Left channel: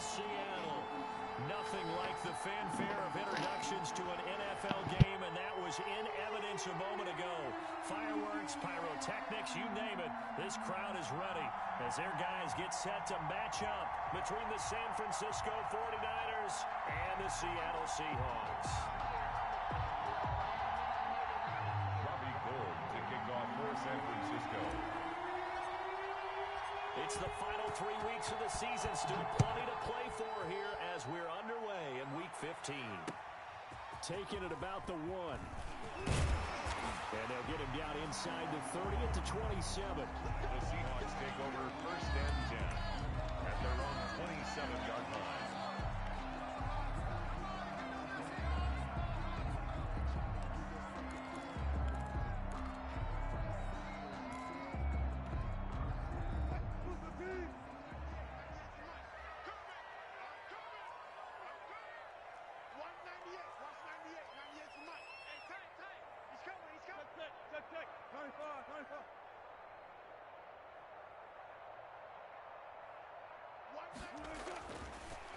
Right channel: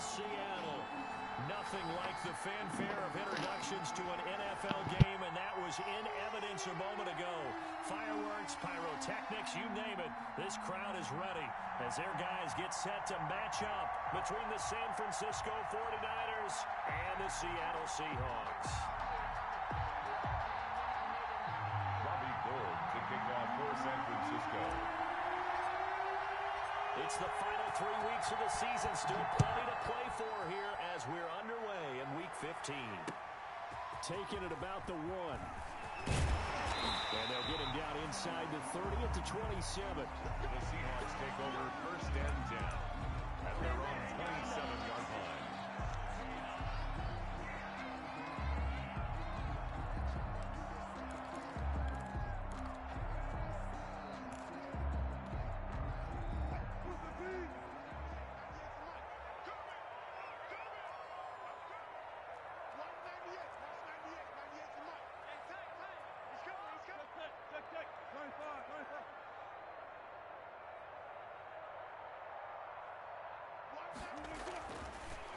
Seattle. Nothing like the fanfare of introductions to an NFL game, and that was in evidence a moment ago. Fireworks, pyrotechnics, you name it. This crowd is ready as their guys get set to match up between the San Francisco 49ers and the Seattle Seahawks. Robbie Gould to kick off for San Francisco. It's the final 3 weeks of the season. Still plenty to play for here as we're underway in Week 15. Taking it about the 1. And they'll get him down inside the 30 at the 27. The Seahawks take over 1st and 10 at their own 27-yard line.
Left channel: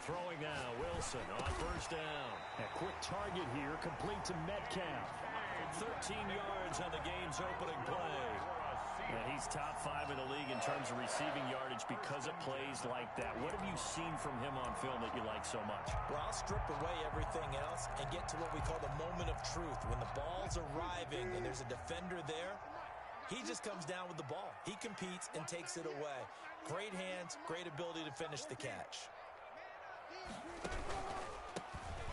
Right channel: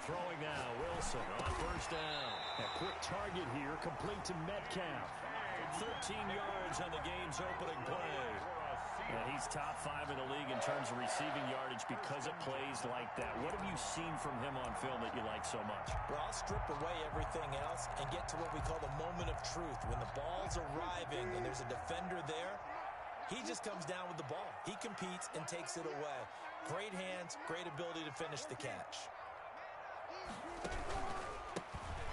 Throwing now, Wilson on 1st down. A quick target here, complete to Metcalf. 13 yards on the game's opening play. And he's top 5 in the league in terms of receiving yardage because of plays like that. What have you seen from him on film that you like so much? Well, I'll strip away everything else and get to what we call the moment of truth. When the ball's arriving and there's a defender there, he just comes down with the ball. He competes and takes it away. Great hands, great ability to finish the catch.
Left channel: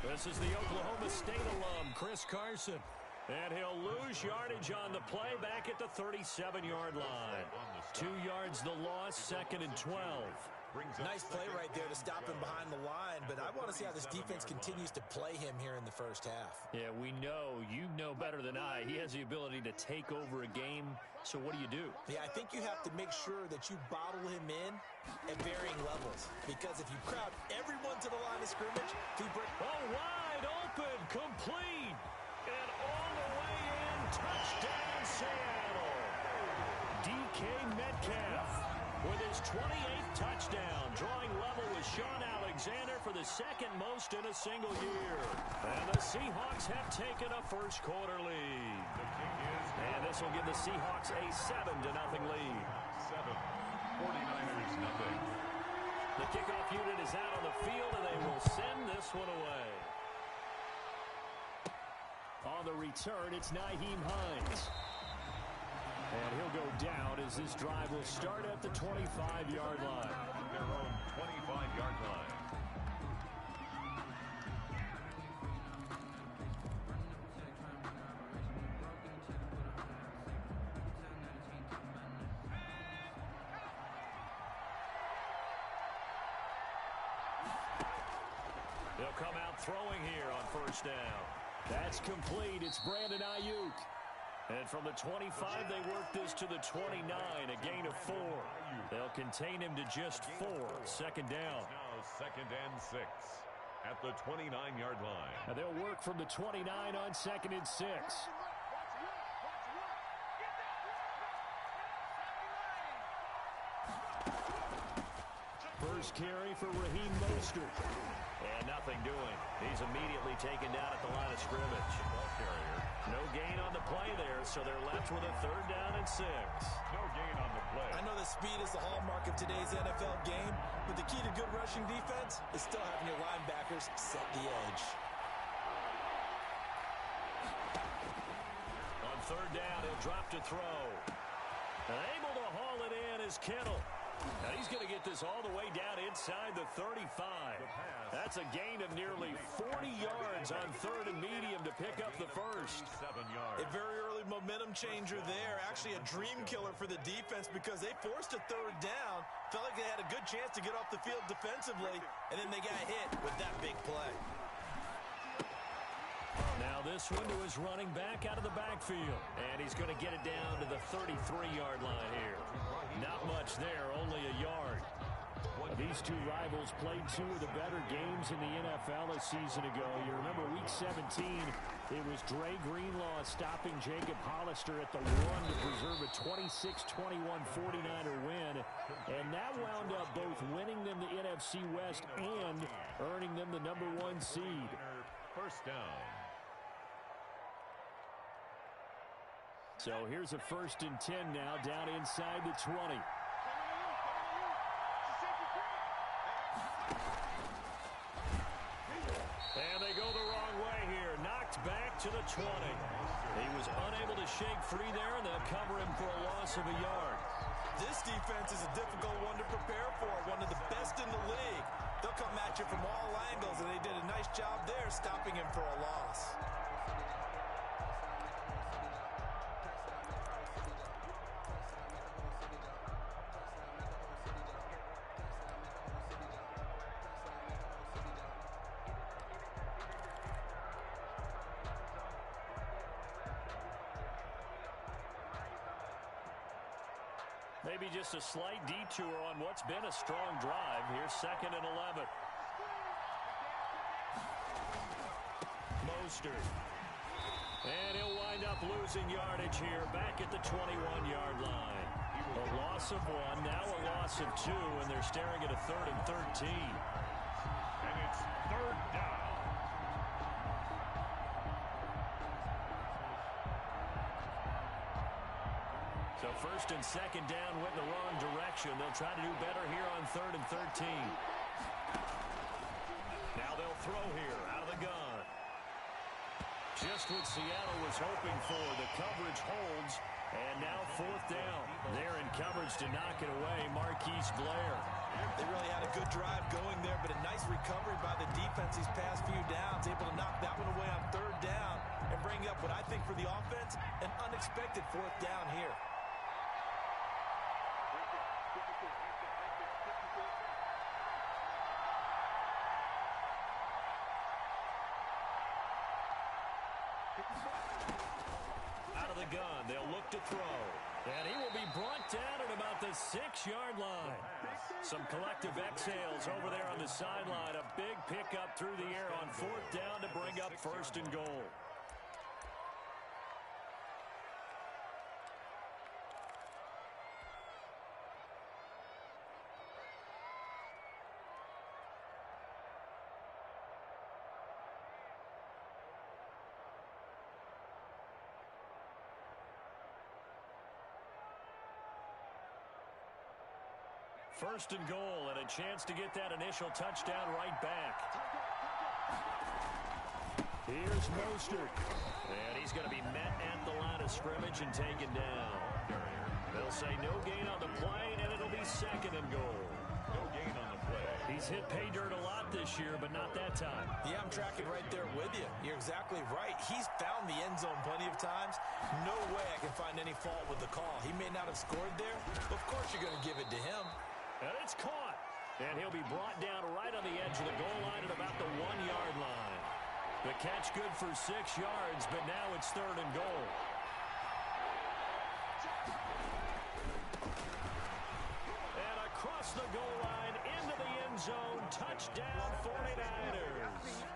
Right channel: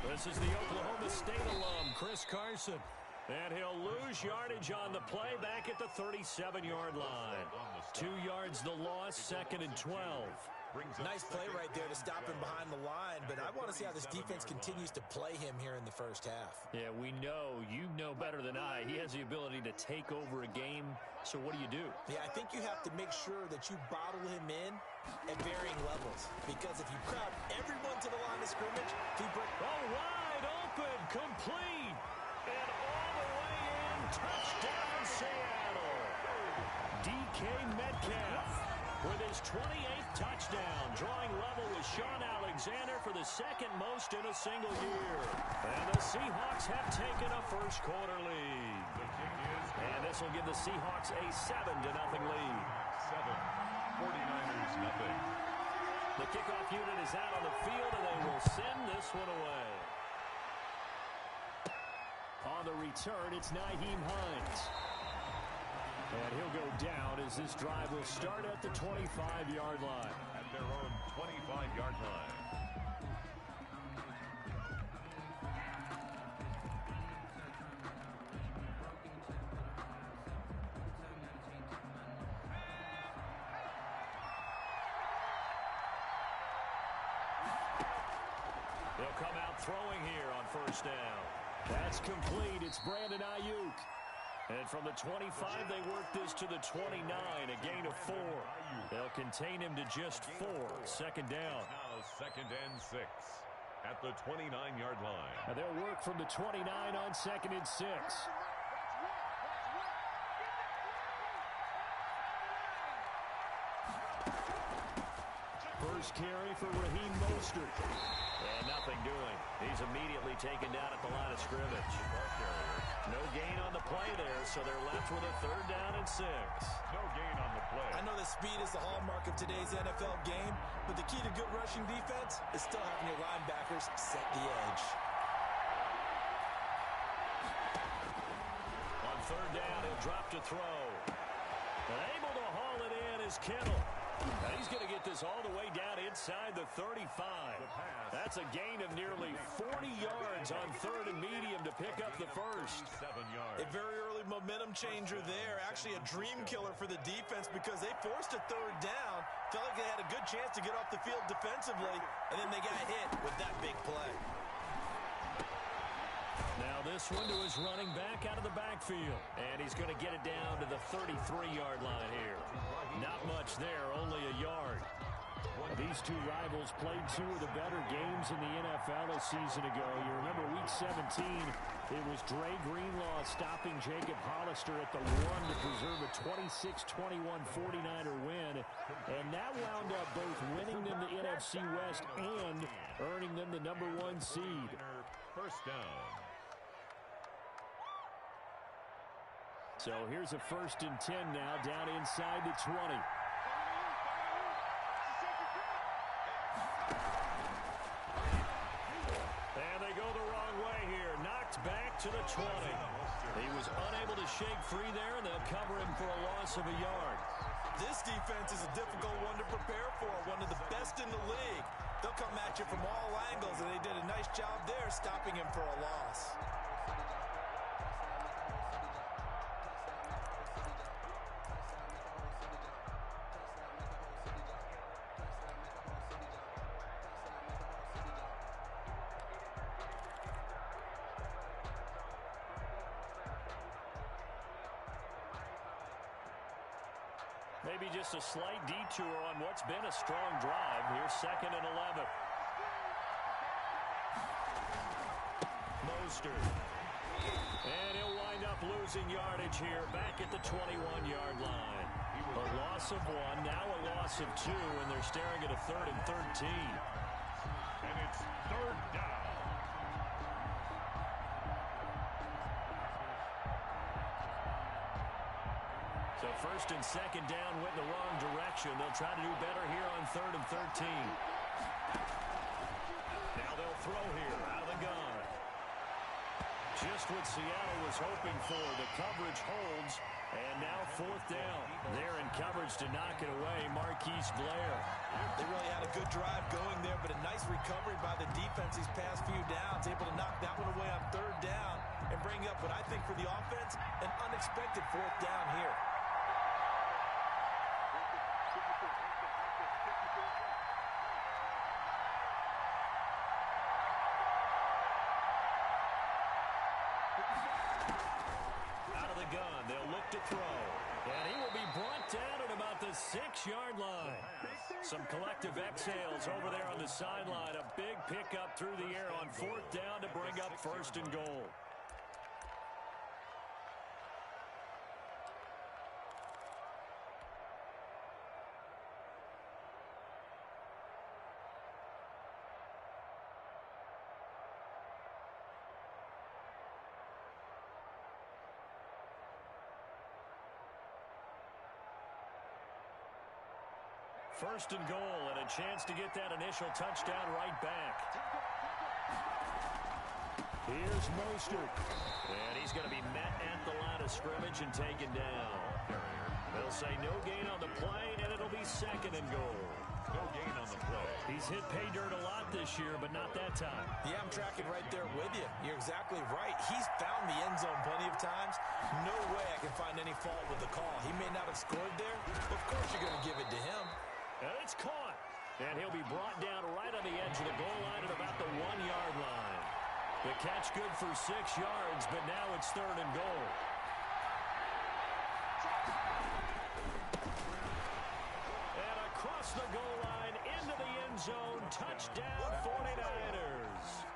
This is the Oklahoma State alum, Chris Carson. And he'll lose yardage on the play back at the 37-yard line. 2 yards the loss, 2nd and 12. Nice play right there to stop him behind the line, but I want to see how this defense continues to play him here in the first half. Yeah, we know. You know better than I. He has the ability to take over a game, so what do? Yeah, I think you have to make sure that you bottle him in at varying levels, because if you crowd everyone to the line of scrimmage, he breaks. Oh, wide open, complete, and all the way in, touchdown Seattle. DK Metcalf with his 28th touchdown, drawing level with Sean Alexander for the 2nd most in a single year. And the Seahawks have taken a first-quarter lead. The kick is good. And this will give the Seahawks a 7-0 lead. 7. 49ers nothing. The kickoff unit is out on the field, and they will send this one away. On the return, it's Nyheim Hines. And he'll go down as this drive will start at the 25-yard line. At their own 25-yard line. They'll come out throwing here on 1st down. That's complete. It's Brandon Ayuk. And from the 25, they work this to the 29, a gain of 4. They'll contain him to just 4. 2nd down. Now 2nd and 6 at the 29-yard line. And they'll work from the 29 on 2nd and 6. First carry for Raheem Mostert. And nothing doing. He's immediately taken down at the line of scrimmage. Ball carrier. No gain on the play there, so they're left with a 3rd down and 6. No gain on the play. I know that speed is the hallmark of today's NFL game, but the key to good rushing defense is still having your linebackers set the edge. On 3rd down, he'll drop to throw. And able to haul it in is Kittle. And he's going to get this all the way down inside the 35. That's a gain of nearly 40 yards on 3rd and medium to pick up the first. 7 yards. A very early momentum changer there. Actually a dream killer for the defense because they forced a 3rd down. Felt like they had a good chance to get off the field defensively, and then they got hit with that big play. Now this one to his running back out of the backfield. And he's going to get it down to the 33-yard line here. Not much there, only a yard. These two rivals played two of the better games in the NFL a season ago. You remember Week 17, it was Dre Greenlaw stopping Jacob Hollister at the 1 to preserve a 26-21 49er win. And that wound up both winning them the NFC West and earning them the #1 seed. First down. So here's a 1st and 10 now down inside the 20. And they go the wrong way here. Knocked back to the 20. He was unable to shake free there, and they'll cover him for a loss of a yard. This defense is a difficult one to prepare for, one of the best in the league. They'll come at you from all angles, and they did a nice job there stopping him for a loss. Maybe just a slight detour on what's been a strong drive. Here's 2nd and 11. Mostert. And he'll wind up losing yardage here back at the 21-yard line. A loss of 1, now a loss of 2, and they're staring at a 3rd and 13. And it's 3rd down. So 1st and 2nd down went in the wrong direction. They'll try to do better here on 3rd and 13. Now they'll throw here out of the gun. Just what Seattle was hoping for. The coverage holds. And now 4th down. They're in coverage to knock it away. Marquise Blair. They really had a good drive going there, but a nice recovery by the defense these past few downs. Able to knock that one away on 3rd down and bring up what I think for the offense, an unexpected 4th down here. Out of the gun, they'll look to throw. And he will be brought down at about the 6-yard line. Some collective exhales over there on the sideline. A big pickup through the air on 4th down to bring up 1st and goal. First and goal, and a chance to get that initial touchdown right back. Here's Mostert. And he's going to be met at the line of scrimmage and taken down. They'll say no gain on the play, and it'll be 2nd and goal. No gain on the play. He's hit pay dirt a lot this year, but not that time. Yeah, I'm tracking right there with you. You're exactly right. He's found the end zone plenty of times. No way I can find any fault with the call. He may not have scored there. Of course you're going to give it to him. And it's caught. And he'll be brought down right on the edge of the goal line at about the 1-yard line. The catch good for 6 yards, but now it's 3rd and goal. And across the goal line into the end zone. Touchdown 49ers.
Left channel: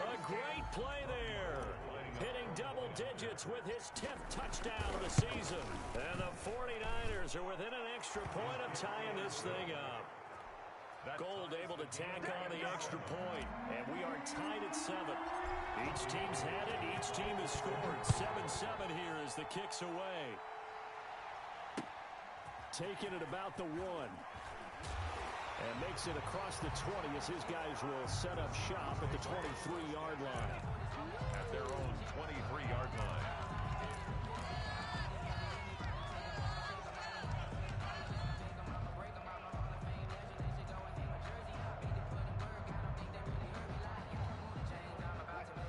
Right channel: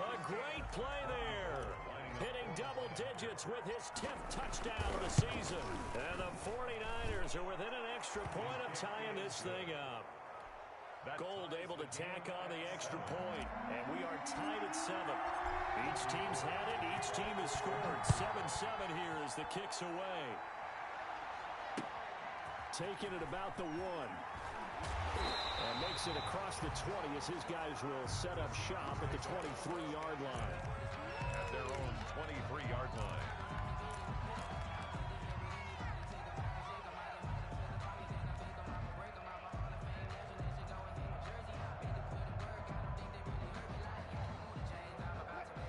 A great play there. Hitting double digits with his 10th touchdown of the season. And the 49ers are within an extra point of tying this thing up. Gold able to tack on the extra point. And we are tied at 7. Each team's had it. Each team has scored. 7-7 here as the kick's away. Taking it about the 1. And makes it across the 20 as his guys will set up shop at the 23-yard line. At their own 23-yard line.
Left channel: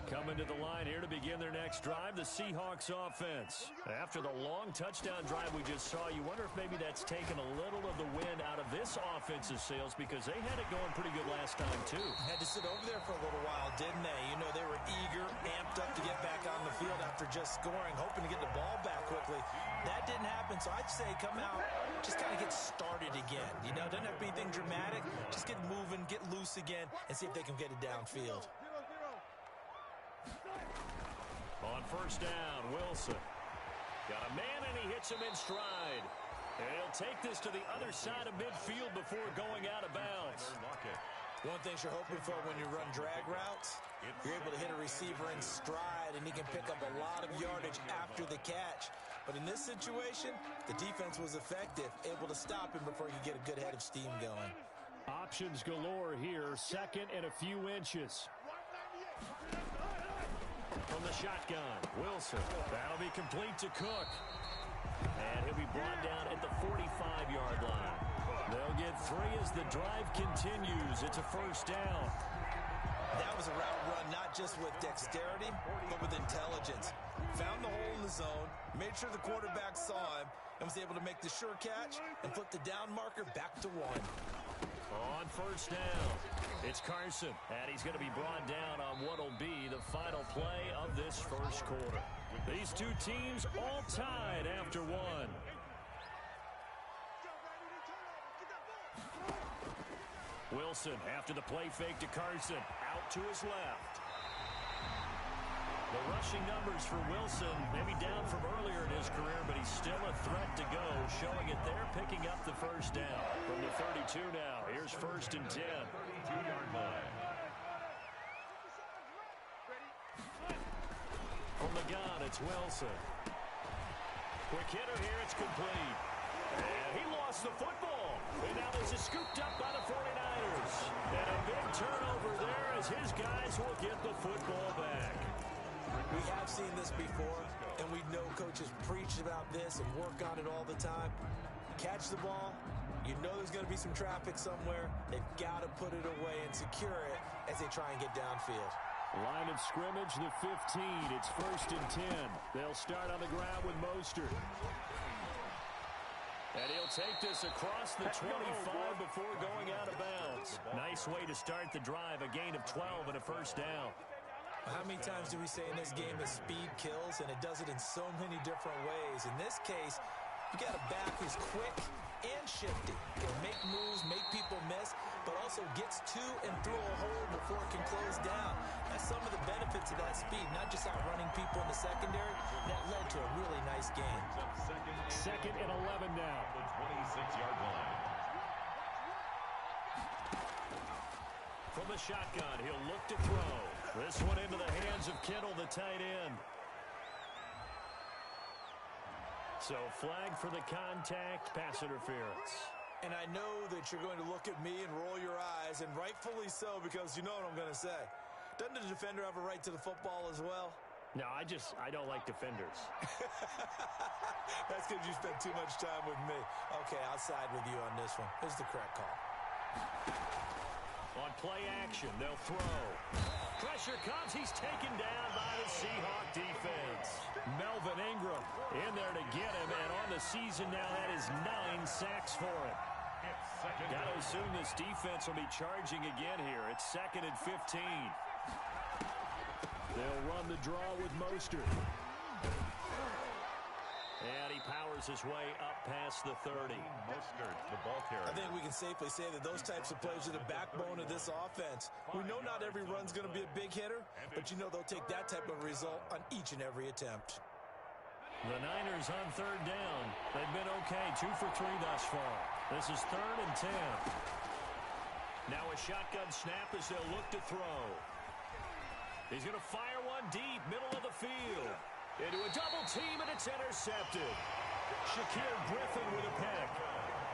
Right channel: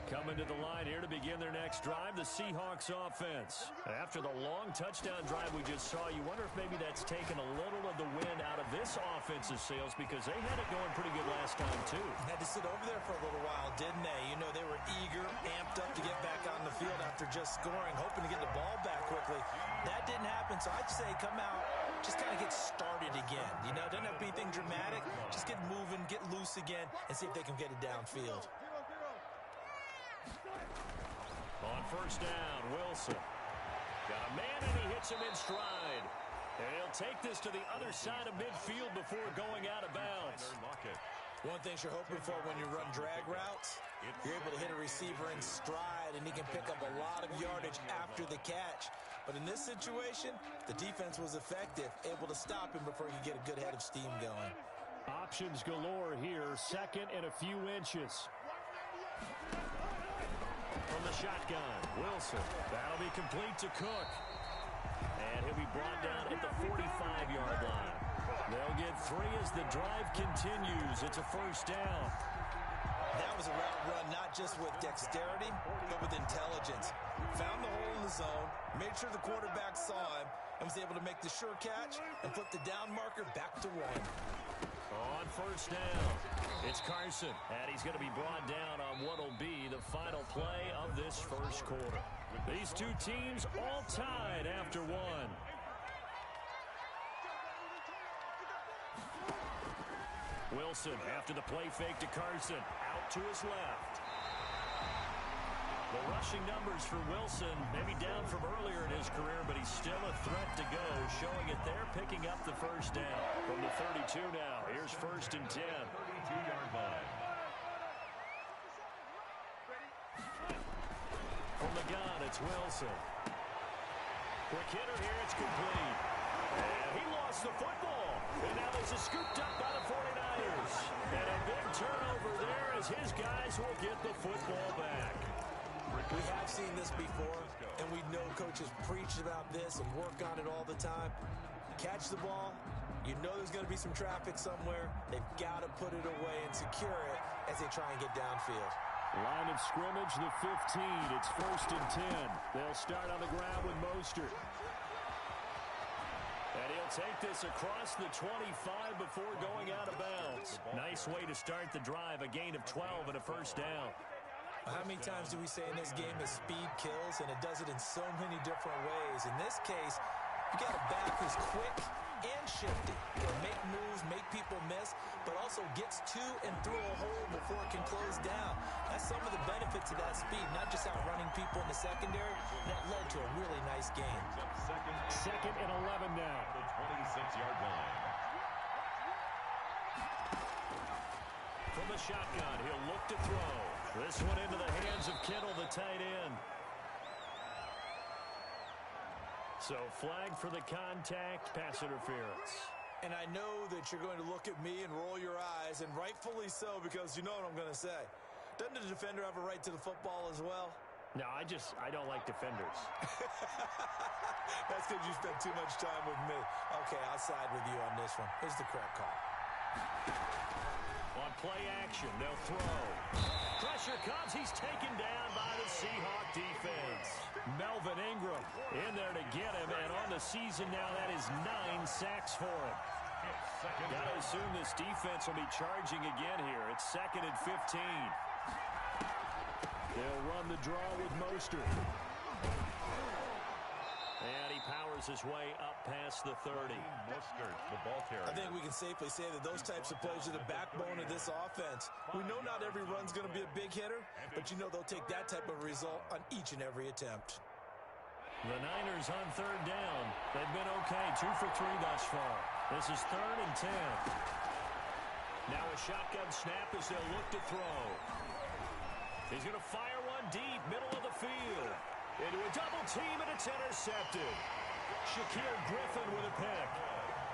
Coming to the line here to begin their next drive, the Seahawks offense. After the long touchdown drive we just saw, you wonder if maybe that's taken a little of the wind out of this offense's sails because they had it going pretty good last time, too. Had to sit over there for a little while, didn't they? You know, they were eager, amped up to get back on the field after just scoring, hoping to get the ball back quickly. That didn't happen, so I'd say come out just kind of get started again. You know, doesn't have to be anything dramatic. Just get moving, get loose again, and see if they can get it downfield. On first down, Wilson. Got a man, and he hits him in stride. And he'll take this to the other side of midfield before going out of bounds. One thing you're hoping for when you run drag routes, you're able to hit a receiver in stride, and he can pick up a lot of yardage after the catch. But in this situation, the defense was effective, able to stop him before he could get a good head of steam going. Options galore here, second and a few inches. From the shotgun, Wilson. That'll be complete to Cook. And he'll be brought down at the 45-yard line. They'll get 3 as the drive continues. It's a first down. That was a route run not just with dexterity, but with intelligence. Found the hole in the zone, made sure the quarterback saw him, and was able to make the sure catch and put the down marker back to 1. On first down, it's Carson, and he's going to be brought down on what will be the final play of this first quarter. These two teams all tied after 1. Wilson after the play fake to Carson, out to his left. The rushing numbers for Wilson maybe down from earlier in his career, but he's still a threat to go, showing it there, picking up the first down. From the 32 now, here's first and 10. 32-yard line. From the gun, it's Wilson. Quick hitter here, it's complete. And he lost the football. And now this is scooped up by the 49ers. And a big turnover there as his guys will get the football back. We have seen this before, and we know coaches preach about this and work on it all the time. Catch the ball. You know there's going to be some traffic somewhere. They've got to put it away and secure it as they try and get downfield. Line of scrimmage, the 15. It's first and 10. They'll start on the ground with Mostert. And he'll take this across the 25 before going out of bounds. Nice way to start the drive. A gain of 12 and a first down. How many times do we say in this game that speed kills, and it does it in so many different ways? In this case, you got a back who's quick and shifty. He'll make moves, make people miss, but also gets to and through a hole before it can close down. That's some of the benefits of that speed, not just outrunning people in the secondary. That led to a really nice game. Second and 11 now. The 26-yard line. From the shotgun, he'll look to throw. This one into the hands of Kittle, the tight end. So flag for the contact, pass interference. And I know that you're going to look at me and roll your eyes, and rightfully so, because you know what I'm going to say. Doesn't the defender have a right to the football as well? No, I don't like defenders. That's because you spent too much time with me. Okay, I'll side with you on this one. Here's the correct call. On play action, they'll throw. Pressure comes. He's taken down by the Seahawk defense. Melvin Ingram in there to get him, and on the season now, that is 9 sacks for him. Got to assume this defense will be charging again here. It's second and 15. They'll run the draw with Mostert. And he powers his way up past the 30. Mostert, the ball carrier. I think we can safely say that those types of plays are the backbone of this offense. We know not every run's going to be a big hitter, but you know they'll take that type of result on each and every attempt. The Niners on third down. They've been okay, 2 for 3 thus far. This is third and 10. Now a shotgun snap as they'll look to throw. He's going to fire one deep, middle of the field. Into a double team, and it's intercepted. Shaquille Griffin with a pick.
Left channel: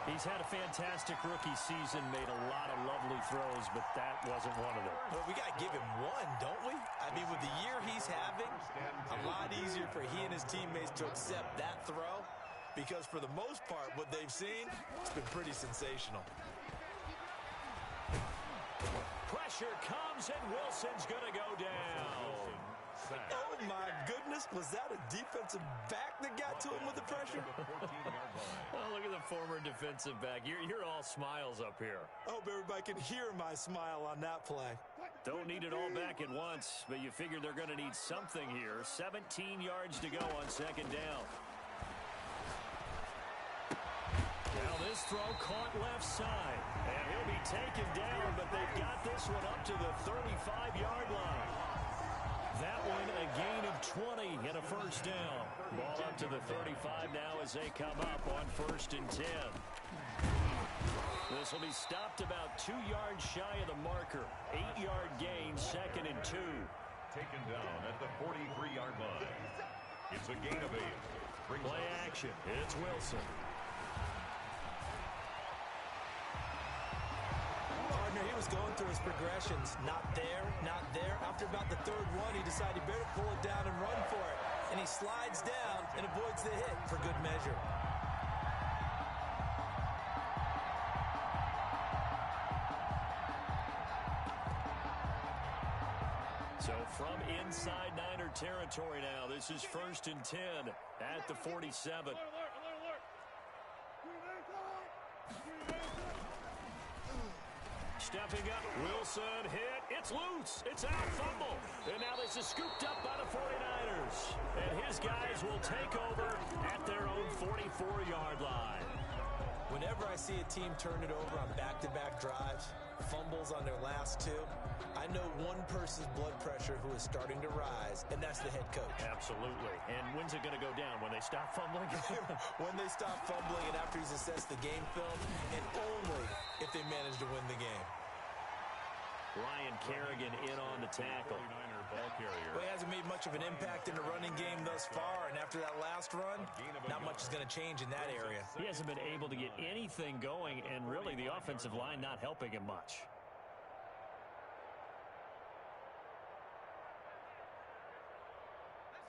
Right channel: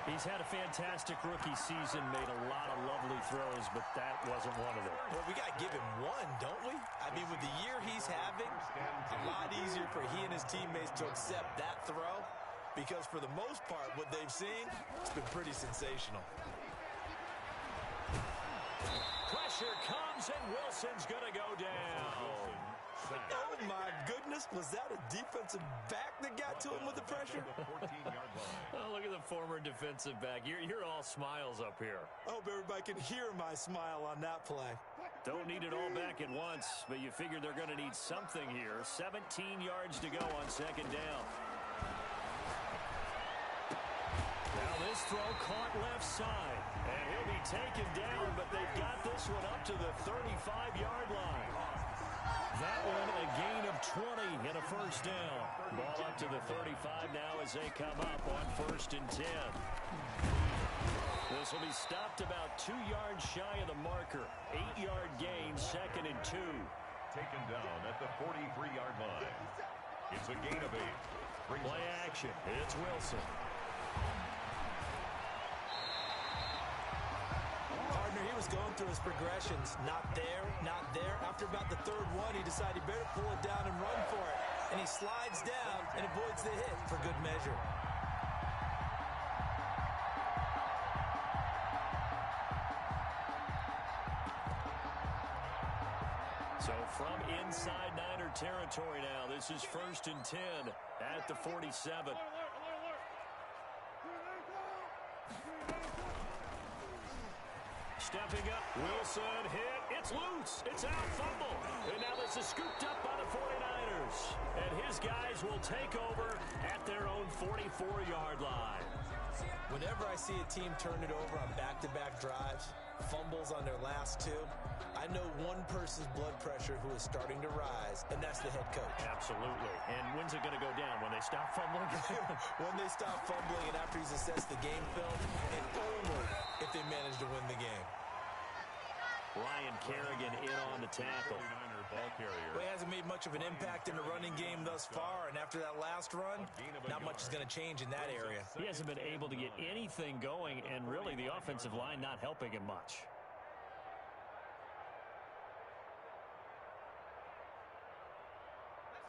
He's had a fantastic rookie season, made a lot of lovely throws, but that wasn't one of them. Well, we got to give him one, don't we? I mean, with the year he's having, a lot easier for he and his teammates to accept that throw, because for the most part, what they've seen, it's been pretty sensational. Pressure comes, and Wilson's going to go down. Oh, my goodness. Was that a defensive back that got to him with the pressure? Oh, look at the former defensive back. You're all smiles up here. I hope everybody can hear my smile on that play. Don't need it all back at once, but you figure they're going to need something here. 17 yards to go on second down. This throw caught left side. And he'll be taken down, but they've got this one up to the 35-yard line. That one a gain of 20 and a first down. Ball up to the 35 now as they come up on 1st and 10. This will be stopped about 2 yards shy of the marker. 8-yard gain, 2nd and 2. Taken down at the 43-yard line. It's a gain of 8. Play action. It's Wilson. Partner, he was going through his progressions. Not there, not there. After about the 3rd one, he decided he better pull it down and run for it. And he slides down and avoids the hit for good measure. So from inside Niner territory now, this is 1st and 10 at the 47. Stepping up, Wilson hit, it's loose, it's out, fumble. And now this is scooped up by the 49ers. And his guys will take over at their own 44-yard line. Whenever I see a team turn it over on back-to-back drives, fumbles on their last 2, I know one person's blood pressure who is starting to rise, and that's the head coach. Absolutely. And when's it going to go down? When they stop fumbling? When they stop fumbling and after he's assessed the game film, and only if they manage to win the game. Ryan Kerrigan in on the tackle. Ball carrier. Well, he hasn't made much of an impact in the running game thus far, and after that last run, not much is going to change in that area. He hasn't been able to get anything going, and really the offensive line not helping him much.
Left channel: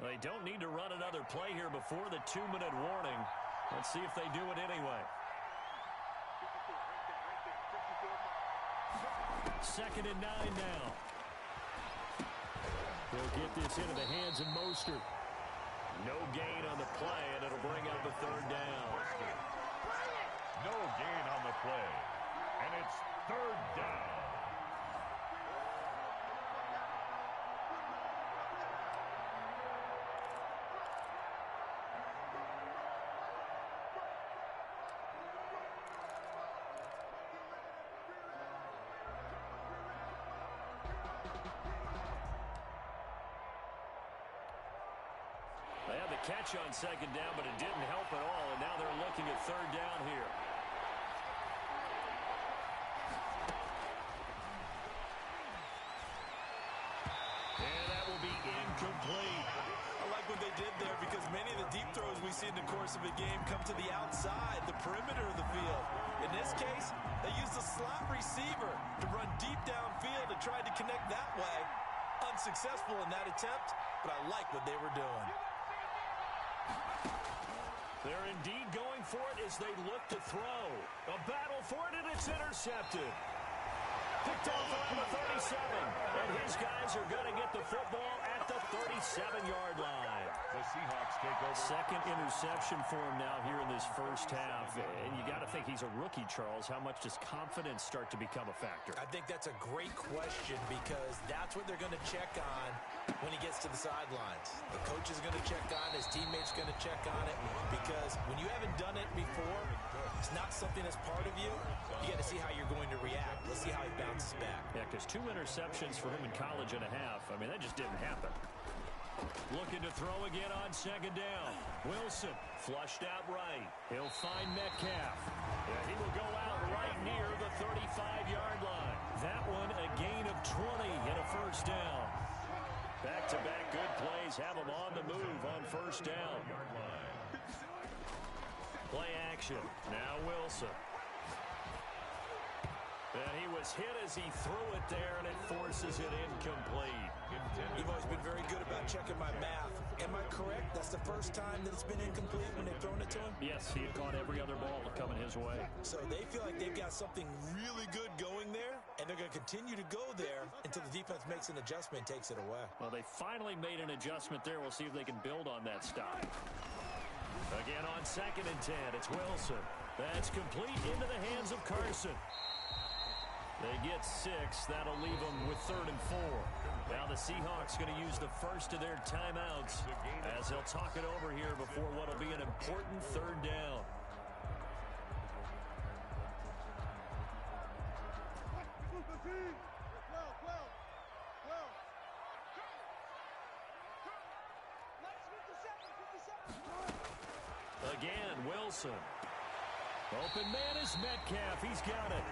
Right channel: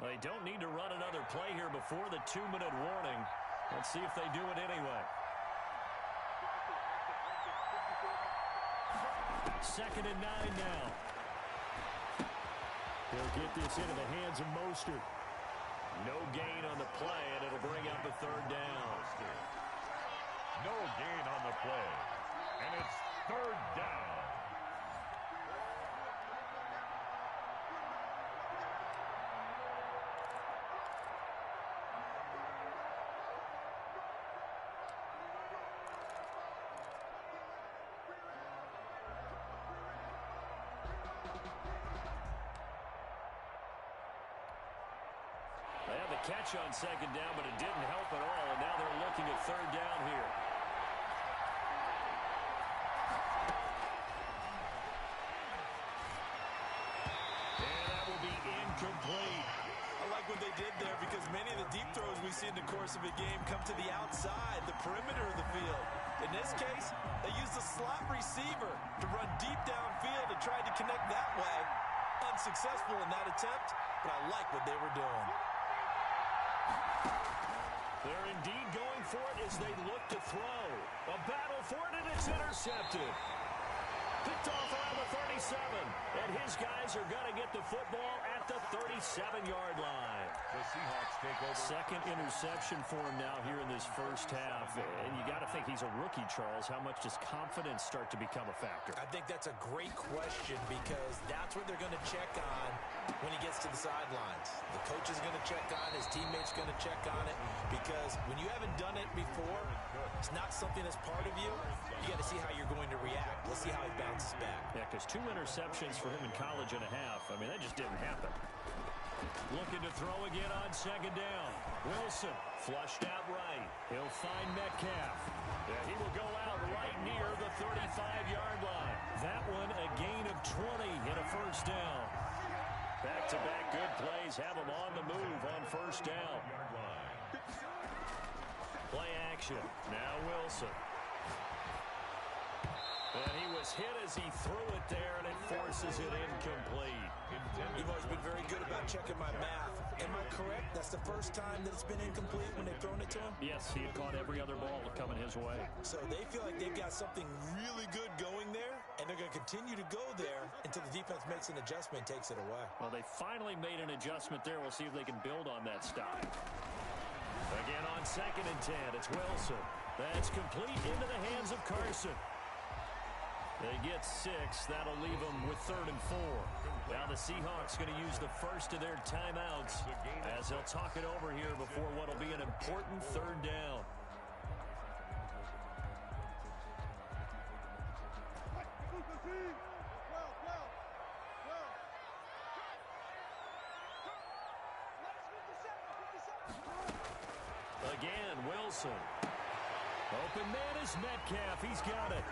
They don't need to run another play here before the 2-minute warning. Let's see if they do it anyway. 2nd and 9 now. He'll get this into the hands of Mostert. No gain on the play, and it'll bring up a 3rd down. No gain on the play. And it's 3rd down. They had the catch on 2nd down, but it didn't help at all, and now they're looking at 3rd down here. And that will be incomplete. I like what they did there because many of the deep throws we see in the course of a game come to the outside, the perimeter of the field. In this case, they used a slot receiver to run deep downfield and tried to connect that way. Unsuccessful in that attempt, but I like what they were doing. They're indeed going for it as they look to throw. A battle for it, and it's intercepted. Picked off around the 37, and his guys are going to get the football at the 37-yard line. The Seahawks take over. 2nd interception for him now here in this 1st half. And you got to think he's a rookie, Charles. How much does confidence start to become a factor? I think that's a great question because that's what they're going to check on when he gets to the sidelines. The coach is going to check on it. His teammates are going to check on it because when you haven't done it before, it's not something that's part of you. You got to see how you're going to react. Let's see how he bounces back. Yeah, because 2 interceptions for him in college and a half. I mean, that just didn't happen. Looking to throw again on 2nd down. Wilson flushed out right. He'll find Metcalf. Yeah, he will go out right near the 35-yard line. That one a gain of 20 and a 1st down. Back-to-back good plays have him on the move on 1st down. Play action. Now Wilson. And he was hit as he threw it there, and it forces it incomplete. You've always been very good about checking my math. Am I correct? That's the first time that it's been incomplete when they've thrown it to him? Yes, he had caught every other ball coming his way. So they feel like they've got something really good going there, and they're going to continue to go there until the defense makes an adjustment and takes it away. Well, they finally made an adjustment there. We'll see if they can build on that stop. Again on 2nd and 10, it's Wilson. That's complete into the hands of Carson. They get 6. That'll leave them with 3rd and 4. Now the Seahawks going to use the first of their timeouts as they'll talk it over here before what will be an important 3rd down. again. Wilson. Open man is Metcalf. He's got it.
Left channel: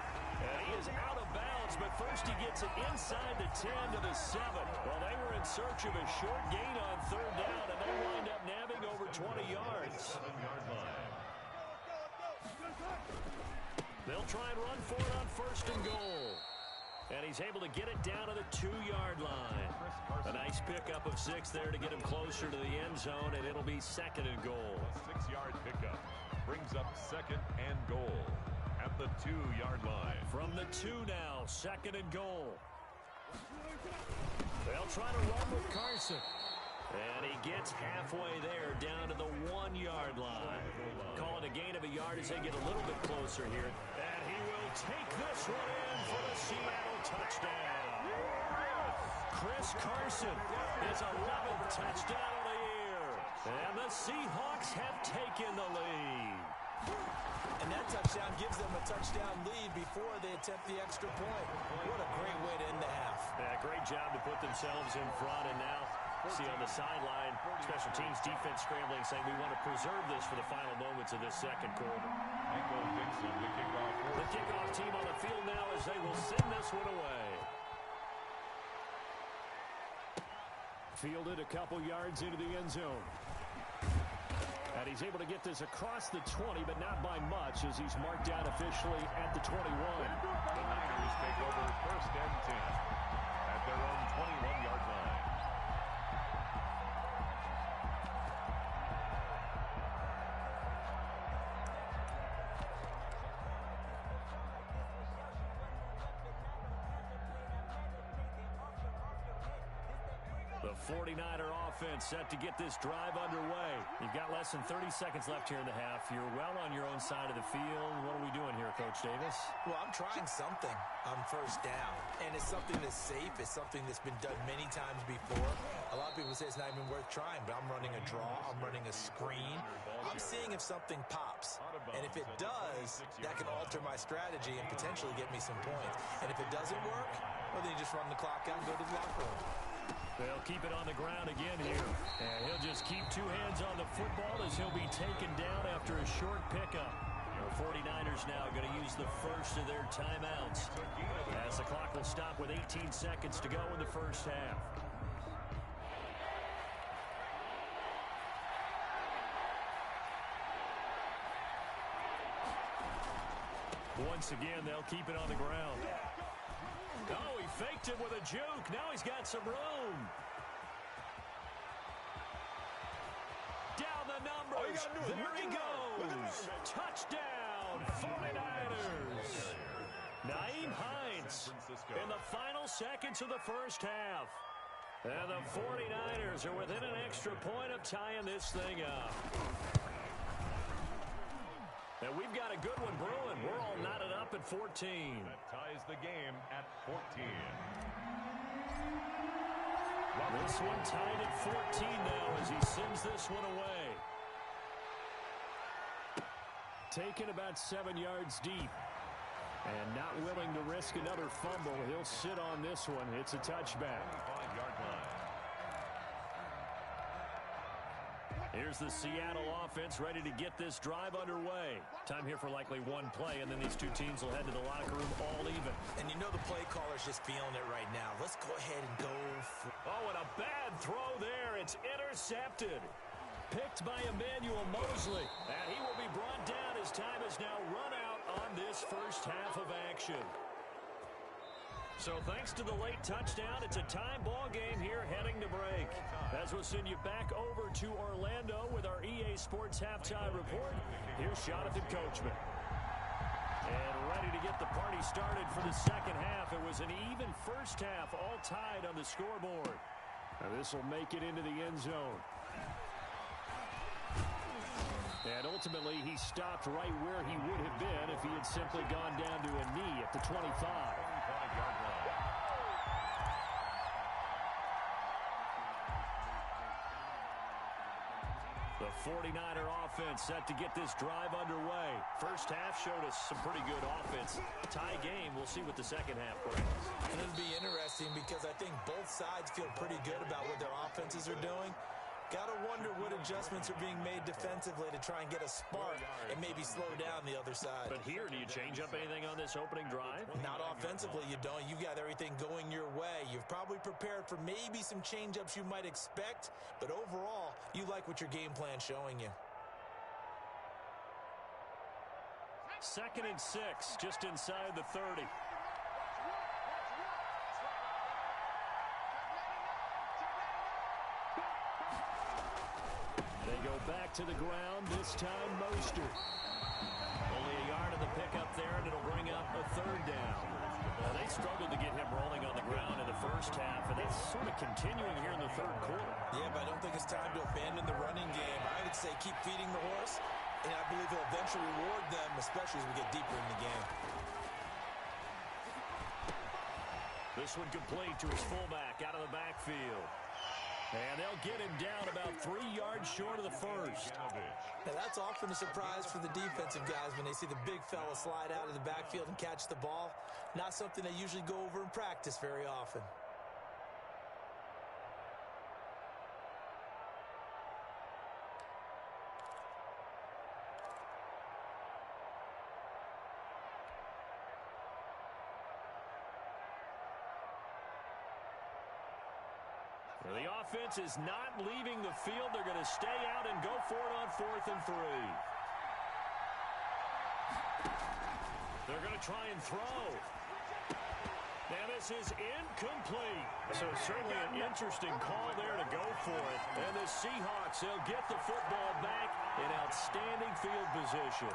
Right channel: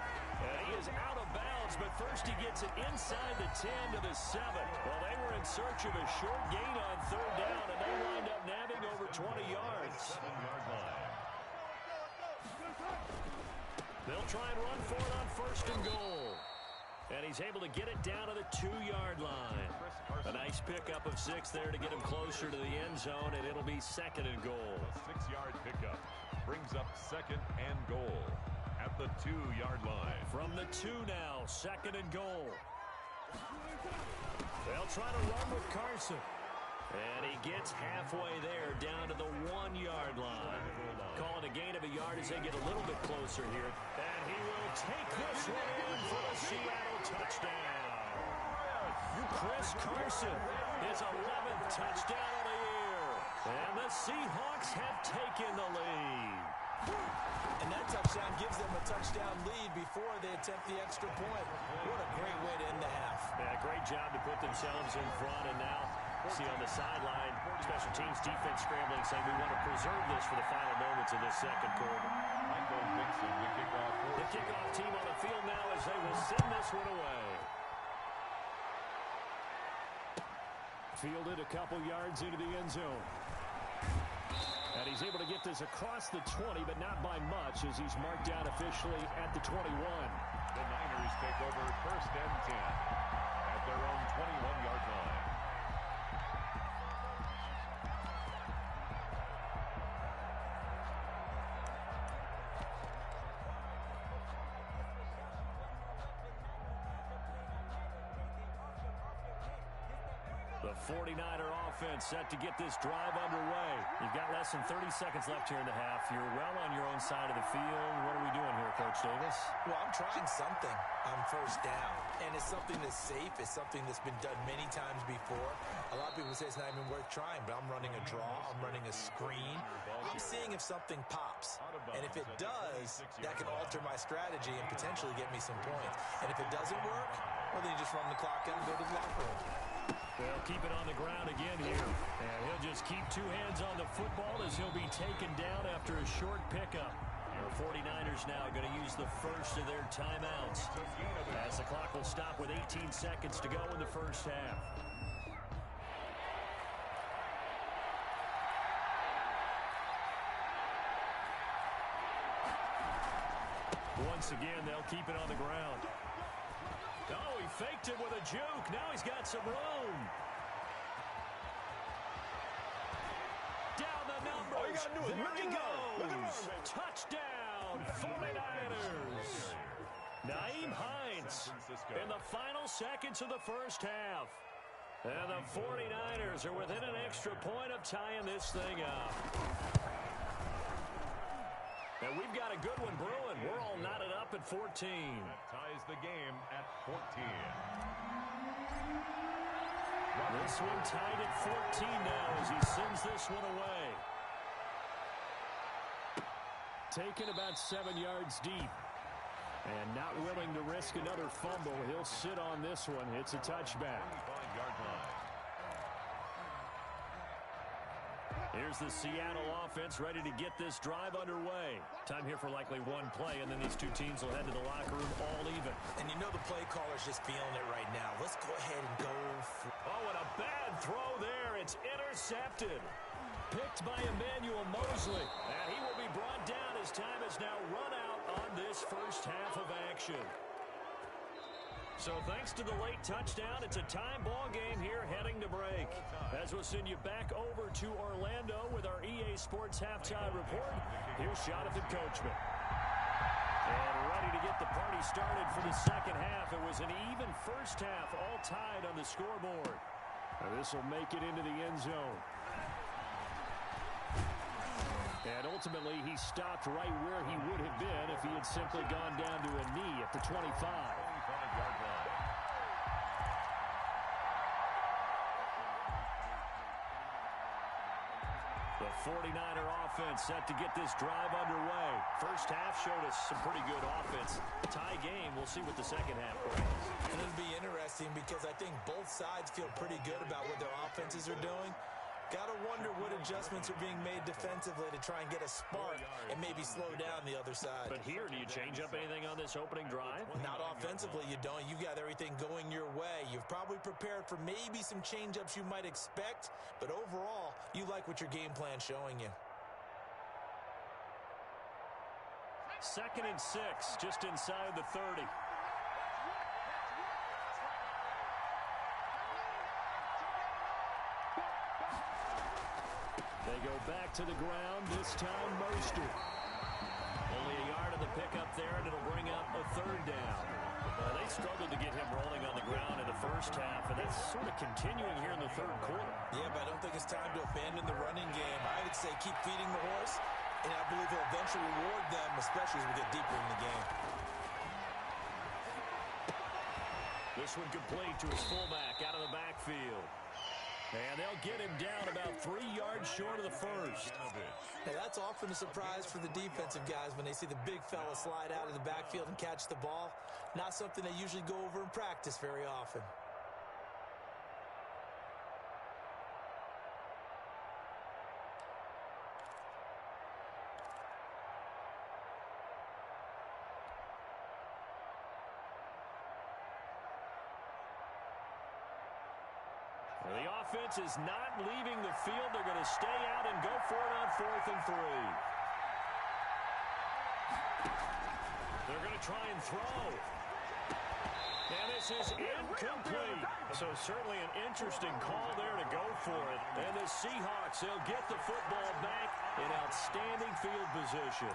And he is out of bounds, but first he gets it inside the 10 to the 7. Well, they were in search of a short gain on third down, and they wind up nabbing over 20 yards. 7-yard line. They'll try and run for it on first and goal. And he's able to get it down to the 2-yard line. A nice pickup of 6 there to get him closer to the end zone, and it'll be second and goal. A 6-yard pickup brings up second and goal at the 2-yard line. From the 2 now, second and goal. They'll try to run with Carson. And he gets halfway there down to the 1-yard line. Calling a gain of a yard as they get a little bit closer here. And he will take this one in for the Seattle touchdown. Chris Carson, his 11th touchdown of the year. And the Seahawks have taken the lead. And that touchdown gives them a touchdown lead before they attempt the extra point. What a great way to end the half. Yeah, great job to put themselves in front, and now see on the sideline, special teams defense scrambling, saying we want to preserve this for the final moments of this second quarter. Michael Dixon, the kickoff. The kickoff team on the field now as they will send this one away. Fielded a couple yards into the end zone. And he's able to get this across the 20, but not by much, as he's marked down officially at the 21. The Niners take over first and 10 at their own 21-yard line. The 49er offense set to get this drive underway. You've got less than 30 seconds left here in the half. You're well on your own side of the field. What are we doing here, Coach Davis? Well, I'm trying something on first down. And it's something that's safe. It's something that's been done many times before. A lot of people say it's not even worth trying, but I'm running a draw. I'm running a screen. I'm seeing if something pops. And if it does, that can alter my strategy and potentially get me some points. And if it doesn't work, well, then you just run the clock out and go to the locker room. They'll keep it on the ground again here. And he'll just keep 2 hands on the football as he'll be taken down after a short pickup. The 49ers now going to use the first of their timeouts, as the clock will stop with 18 seconds to go in the first half. Once again, they'll keep it on the ground. Oh, he faked it with a juke. Now he's got some room. Down the numbers. All you got to do is there he goes. Look at him, baby. Touchdown, 49ers. Naeem Hines in the final seconds of the first half. And the 49ers are within an extra point of tying this thing up. And we've got a good one brewing. We're all knotted up at 14. That ties the game at 14. This one tied at 14 now as he sends this one away. Taken about 7 yards deep. And not willing to risk another fumble. He'll sit on this one. It's a touchback. 25-yard line. Here's the Seattle offense ready to get this drive underway. Time here for likely one play, and then these two teams will head to the locker room all even. And you know the play caller's just feeling it right now. Let's go ahead and go. Oh, and a bad throw there. It's intercepted. Picked by Emmanuel Mosley. And he will be brought down as time has now run out on this first half of action. So thanks to the late touchdown, it's a time ball game here heading to break. As we'll send you back over to Orlando with our EA Sports Halftime Report, here's Jonathan Coachman. And ready to get the party started for the second half. It was an even first half, all tied on the scoreboard. Now this will make it into the end zone. And ultimately, he stopped right where he would have been if he had simply gone down to a knee at the 25. 25-yard line. The 49er offense set to get this drive underway. First half showed us some pretty good offense. Tie game. We'll see what the second half brings. And it'll be interesting because I think both sides feel pretty good about what their offenses are doing. Got to wonder what adjustments are being made defensively to try and get a spark and maybe slow down the other side. But here, do you change up anything on this opening drive? Not offensively, you don't. You've got everything going your way. You've probably prepared for maybe some change-ups you might expect, but overall, you like what your game plan's showing you. 2nd and 6, just inside the 30. They go back to the ground, this time Mostert. Only a yard of the pickup there, and it'll bring up a 3rd down. They struggled to get him rolling on the ground in the first half, and that's sort of continuing here in the 3rd quarter. Yeah, but I don't think it's time to abandon the running game. I would say keep feeding the horse, and I believe he'll eventually reward them, especially as we get deeper in the game. This one complete to his fullback out of the backfield. And they'll get him down about 3 yards short of the first. Now, that's often a surprise for the defensive guys when they see the big fella slide out of the backfield and catch the ball. Not something they usually go over in practice very often. The offense is not leaving the field. They're going to stay out and go for it on 4th and 3. They're going to try and throw. And this is incomplete. So certainly an interesting call there to go for it. And the Seahawks, they'll get the football back in outstanding field position.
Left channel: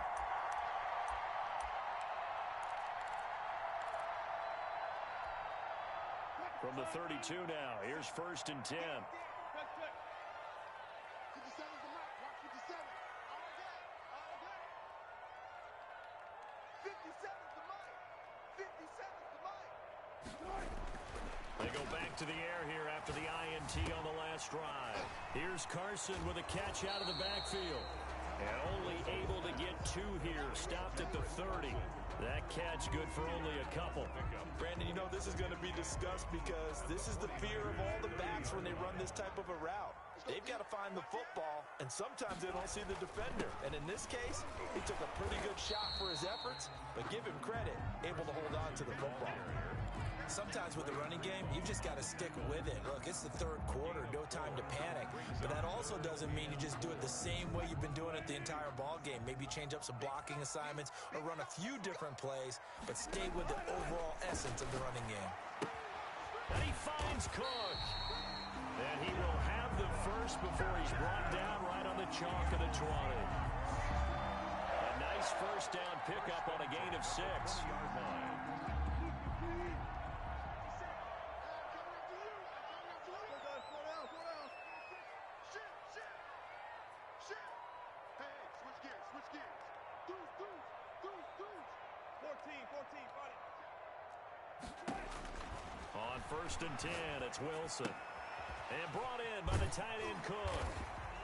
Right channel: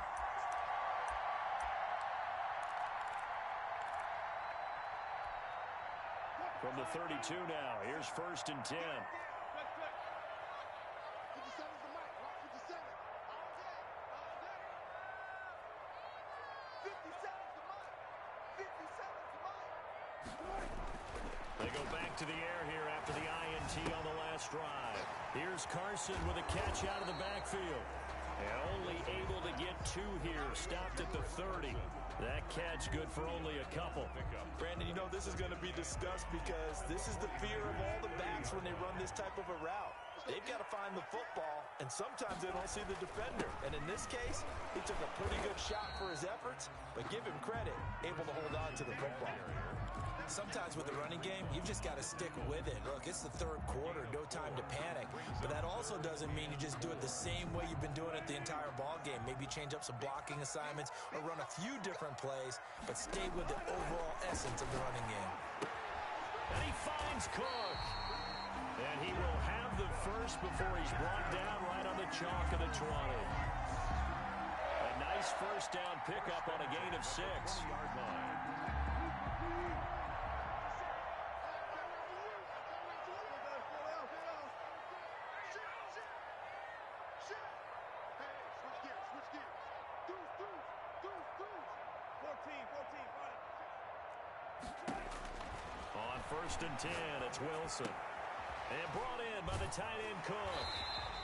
From the 32 now, here's 1st and 10. 57's the mic. Watch 57. All day. All day. 57's the mic. 57's the mic. They go back to the air here after the INT on the last drive. Here's Carson with a catch out of the backfield. And only able to get 2 here. Stopped at the 30. That catch good for only a couple. Brandon, you know this is going to be discussed because this is the fear of all the backs when they run this type of a route. They've got to find the football, and sometimes they don't see the defender. And in this case, he took a pretty good shot for his efforts, but give him credit, able to hold on to the football. Sometimes with the running game, you've just got to stick with it. Look, it's the 3rd quarter, no time to panic. But that also doesn't mean you just do it the same way you've been doing it the entire ball game. Maybe change up some blocking assignments or run a few different plays, but stay with the overall essence of the running game. And he finds Cook. And he will have the first before he's brought down right on the chalk of the 20. A nice 1st down pickup on a gain of 6. On 1st and 10, it's Wilson. And brought in by the tight end Cook.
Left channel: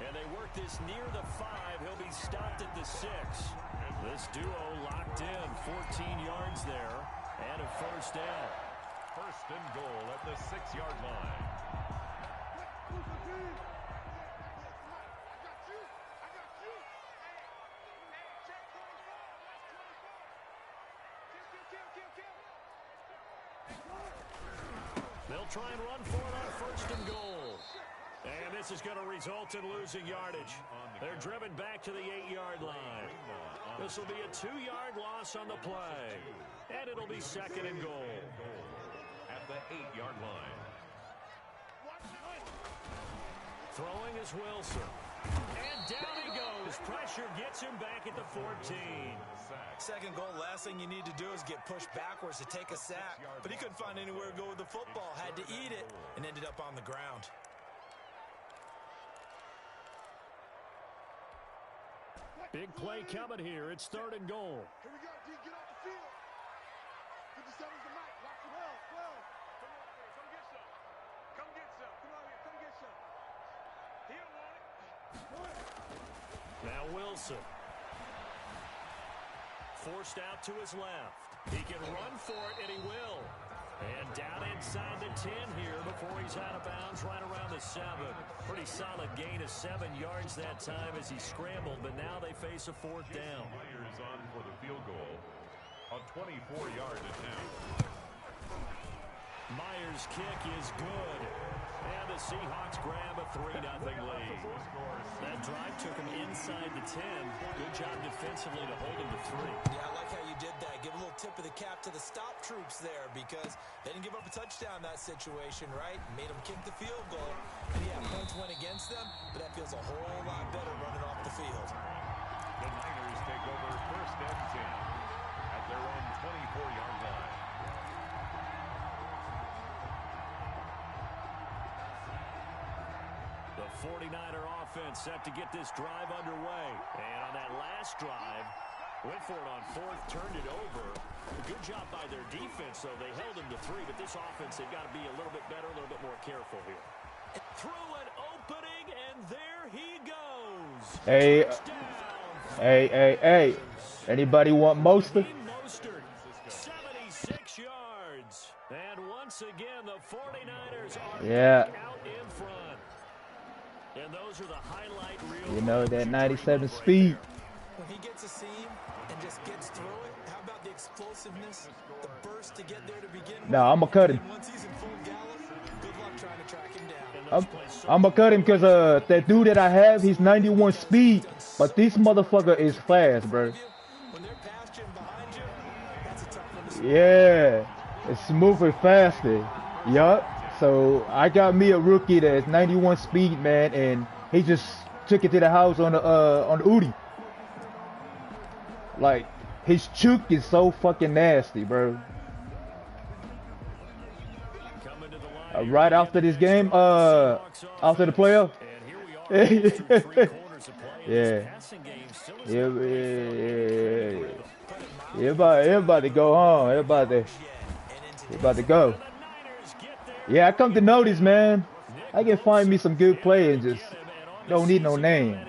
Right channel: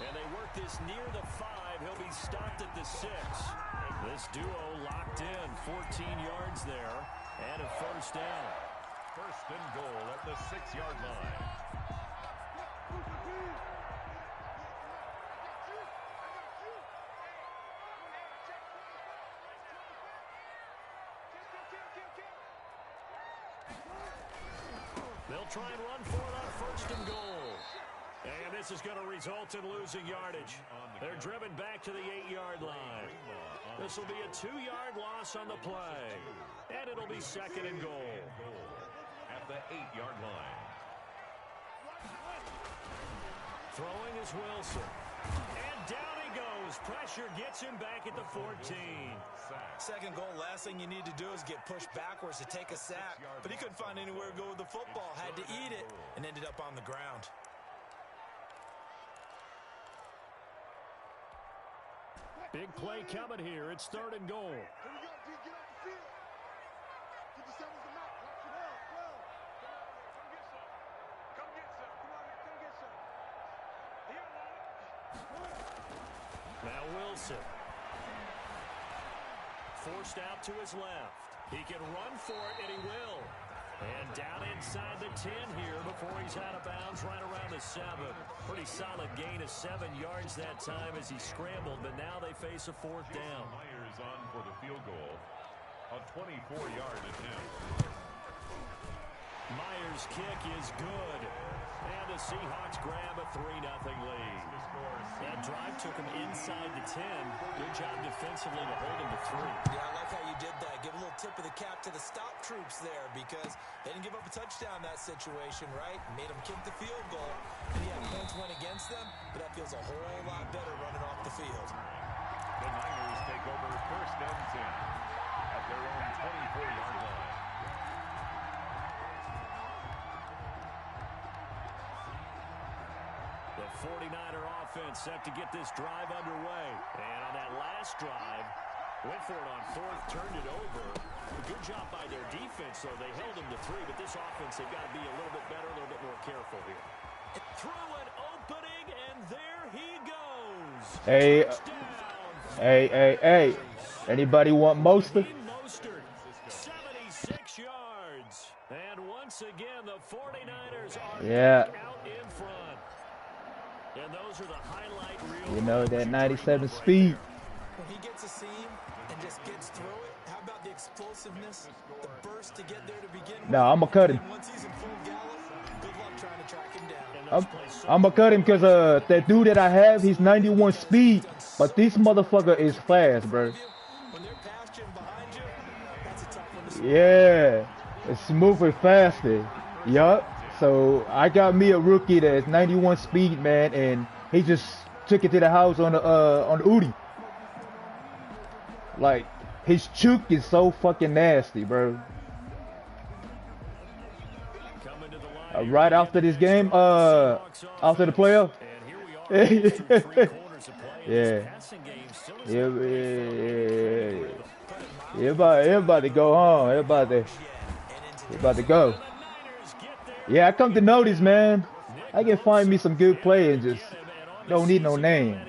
And they work this near the 5. He'll be stopped at the 6. This duo locked in, 14 yards there, and a 1st down. 1st and goal at the 6-yard line. They'll try and run for it on 1st and goal. And this is going to result in losing yardage. They're driven back to the 8-yard line. This will be a 2-yard loss on the play. And it'll be 2nd and goal. At the 8-yard line. Throwing is Wilson. And down he goes. Pressure gets him back at the 14. 2nd goal, last thing you need to do is get pushed backwards to take a sack. But he couldn't find anywhere to go with the football. Had to eat it and ended up on the ground. Big play coming here. It's 3rd and goal. Here we go, D. Get off the field. 57's the mic. Watch 12. Come on here. Come get some. Come get some. Come on here. Come get some. He don't want it. Now Wilson. Forced out to his left. He can run for it, and he will. And down inside the 10 here before before he's out of bounds right around the 7. Pretty solid gain of 7 yards that time as he scrambled, but now they face a 4th down. Myers on for the field goal. A 24-yard attempt. Myers' kick is good. And the Seahawks grab a 3-0 lead. That drive took him inside the 10. Good job defensively to hold him to 3. Yeah, I like how you did that. Give a little tip of the cap to the stop troops there because they didn't give up a touchdown in that situation, right? Made them kick the field goal. And yeah, points went against them, but that feels a whole lot better running off the field. The Niners take over 1st and 10 at their own 24-yard line. The 49er offense set to get this drive underway. And on that last drive, went for it on 4th, turned it over. A good job by their defense, though. They held him to 3, but this offense, they've got to be a little bit better, a little bit more careful here. Through an opening, and there he goes. Hey, hey. Anybody want Mostert? Mostert, 76 yards. And once again, the 49ers are out in front. And those are the highlight reels. You know, that 97 speed. When he gets a seam and just gets through it, how about the explosiveness, the burst to get there to begin with? No, I'm going to cut him. Once he's in full gallop, good luck trying to track him down. I'm going to cut him because that dude that I have, he's 91 speed. But this motherfucker is fast, bro. When they're past you and behind you, that's a tough one to stop. Yeah, it's moving faster. Yup. So I got me a rookie that's 91 speed, man, and he just took it to the house on the Udi. Like, his choke is so fucking nasty, bro. Right after this game, after the playoff. Yeah. Everybody go home. Everybody about to go. Yeah, I come to notice, man. I can find me some good players, just don't need no name. 9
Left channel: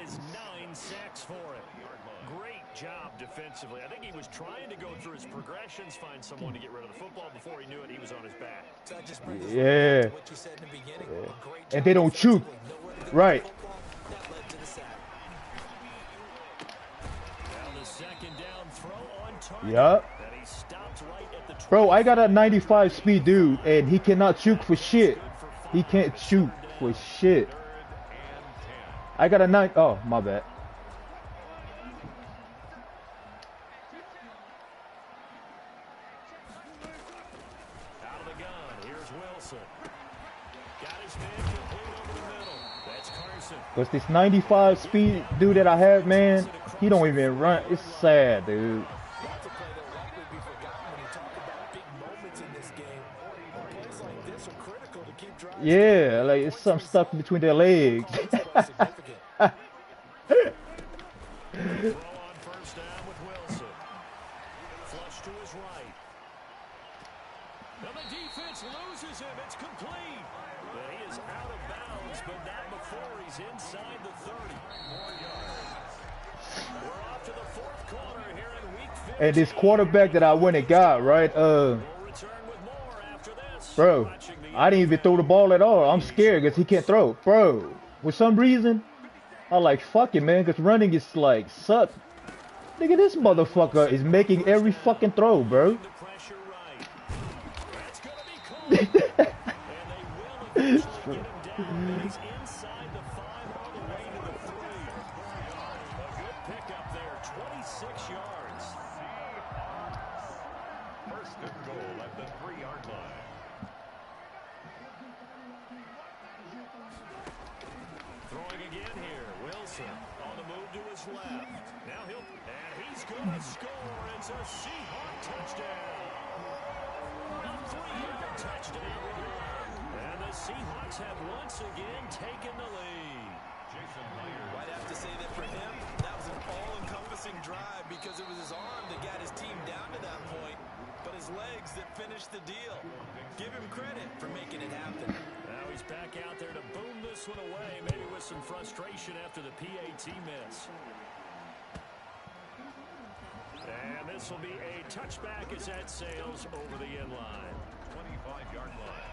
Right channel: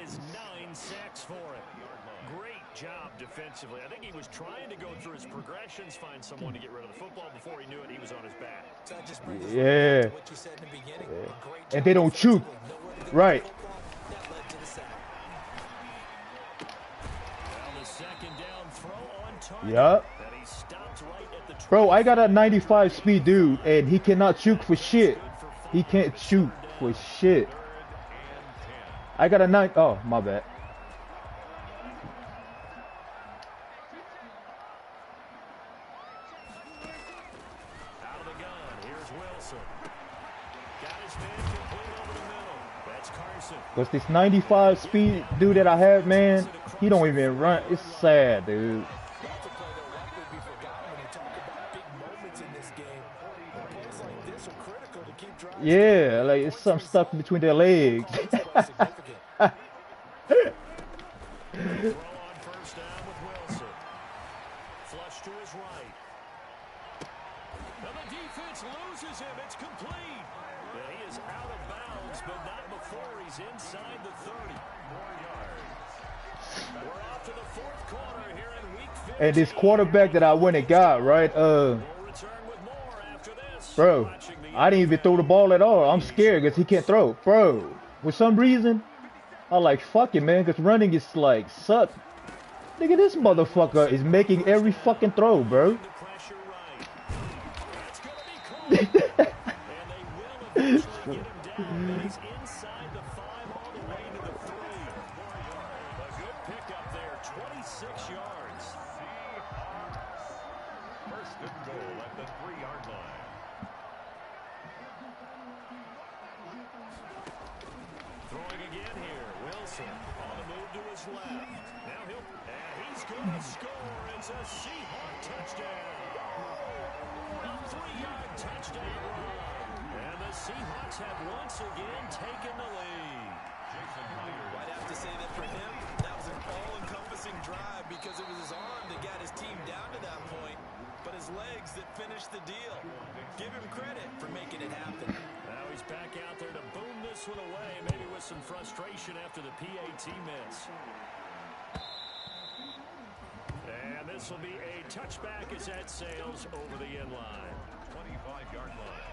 sacks for it. Great job defensively. I think he was trying to go through his progressions, find someone to get rid of the football. Before he knew it, he was on his back. Yeah. And they don't shoot. Right. Yup. Bro, I got a 95 speed dude, and he cannot shoot for shit. He can't shoot for shit. I got a 9. Oh, my bad. Out of the gun, here's Wilson. Got his man complete over the middle. That's Carson. Because this 95 speed dude that I have, man, he don't even run. It's sad, dude. Yeah, like it's something stuck between their legs. Throw on 1st down with Wilson. Flush to his right. And the defense loses him. It's complete. And he is out of bounds, but not before he's inside the 30. More yards. We're off to the 4th quarter here in week 15. And this quarterback that I went and got, right? Bro, I didn't even throw the ball at all. I'm scared because he can't throw. Bro, for some reason, I like, fuck it, man, because running is like, suck. Nigga, this motherfucker is making every fucking throw, bro. Throwing again here, Wilson on the move to his left. Now he's going to score. It's a Seahawk touchdown. A 3-yard touchdown run. And the Seahawks have once again taken the lead. I'd have to say that for him, that was an all-encompassing drive because it was his arm that got his team down to that point, but his legs that finished the deal. Give him credit for making it happen. Now he's back out there to boom this one away, maybe with some frustration after the PAT miss. And this will be a touchback as that sails over the end line. 25-yard line.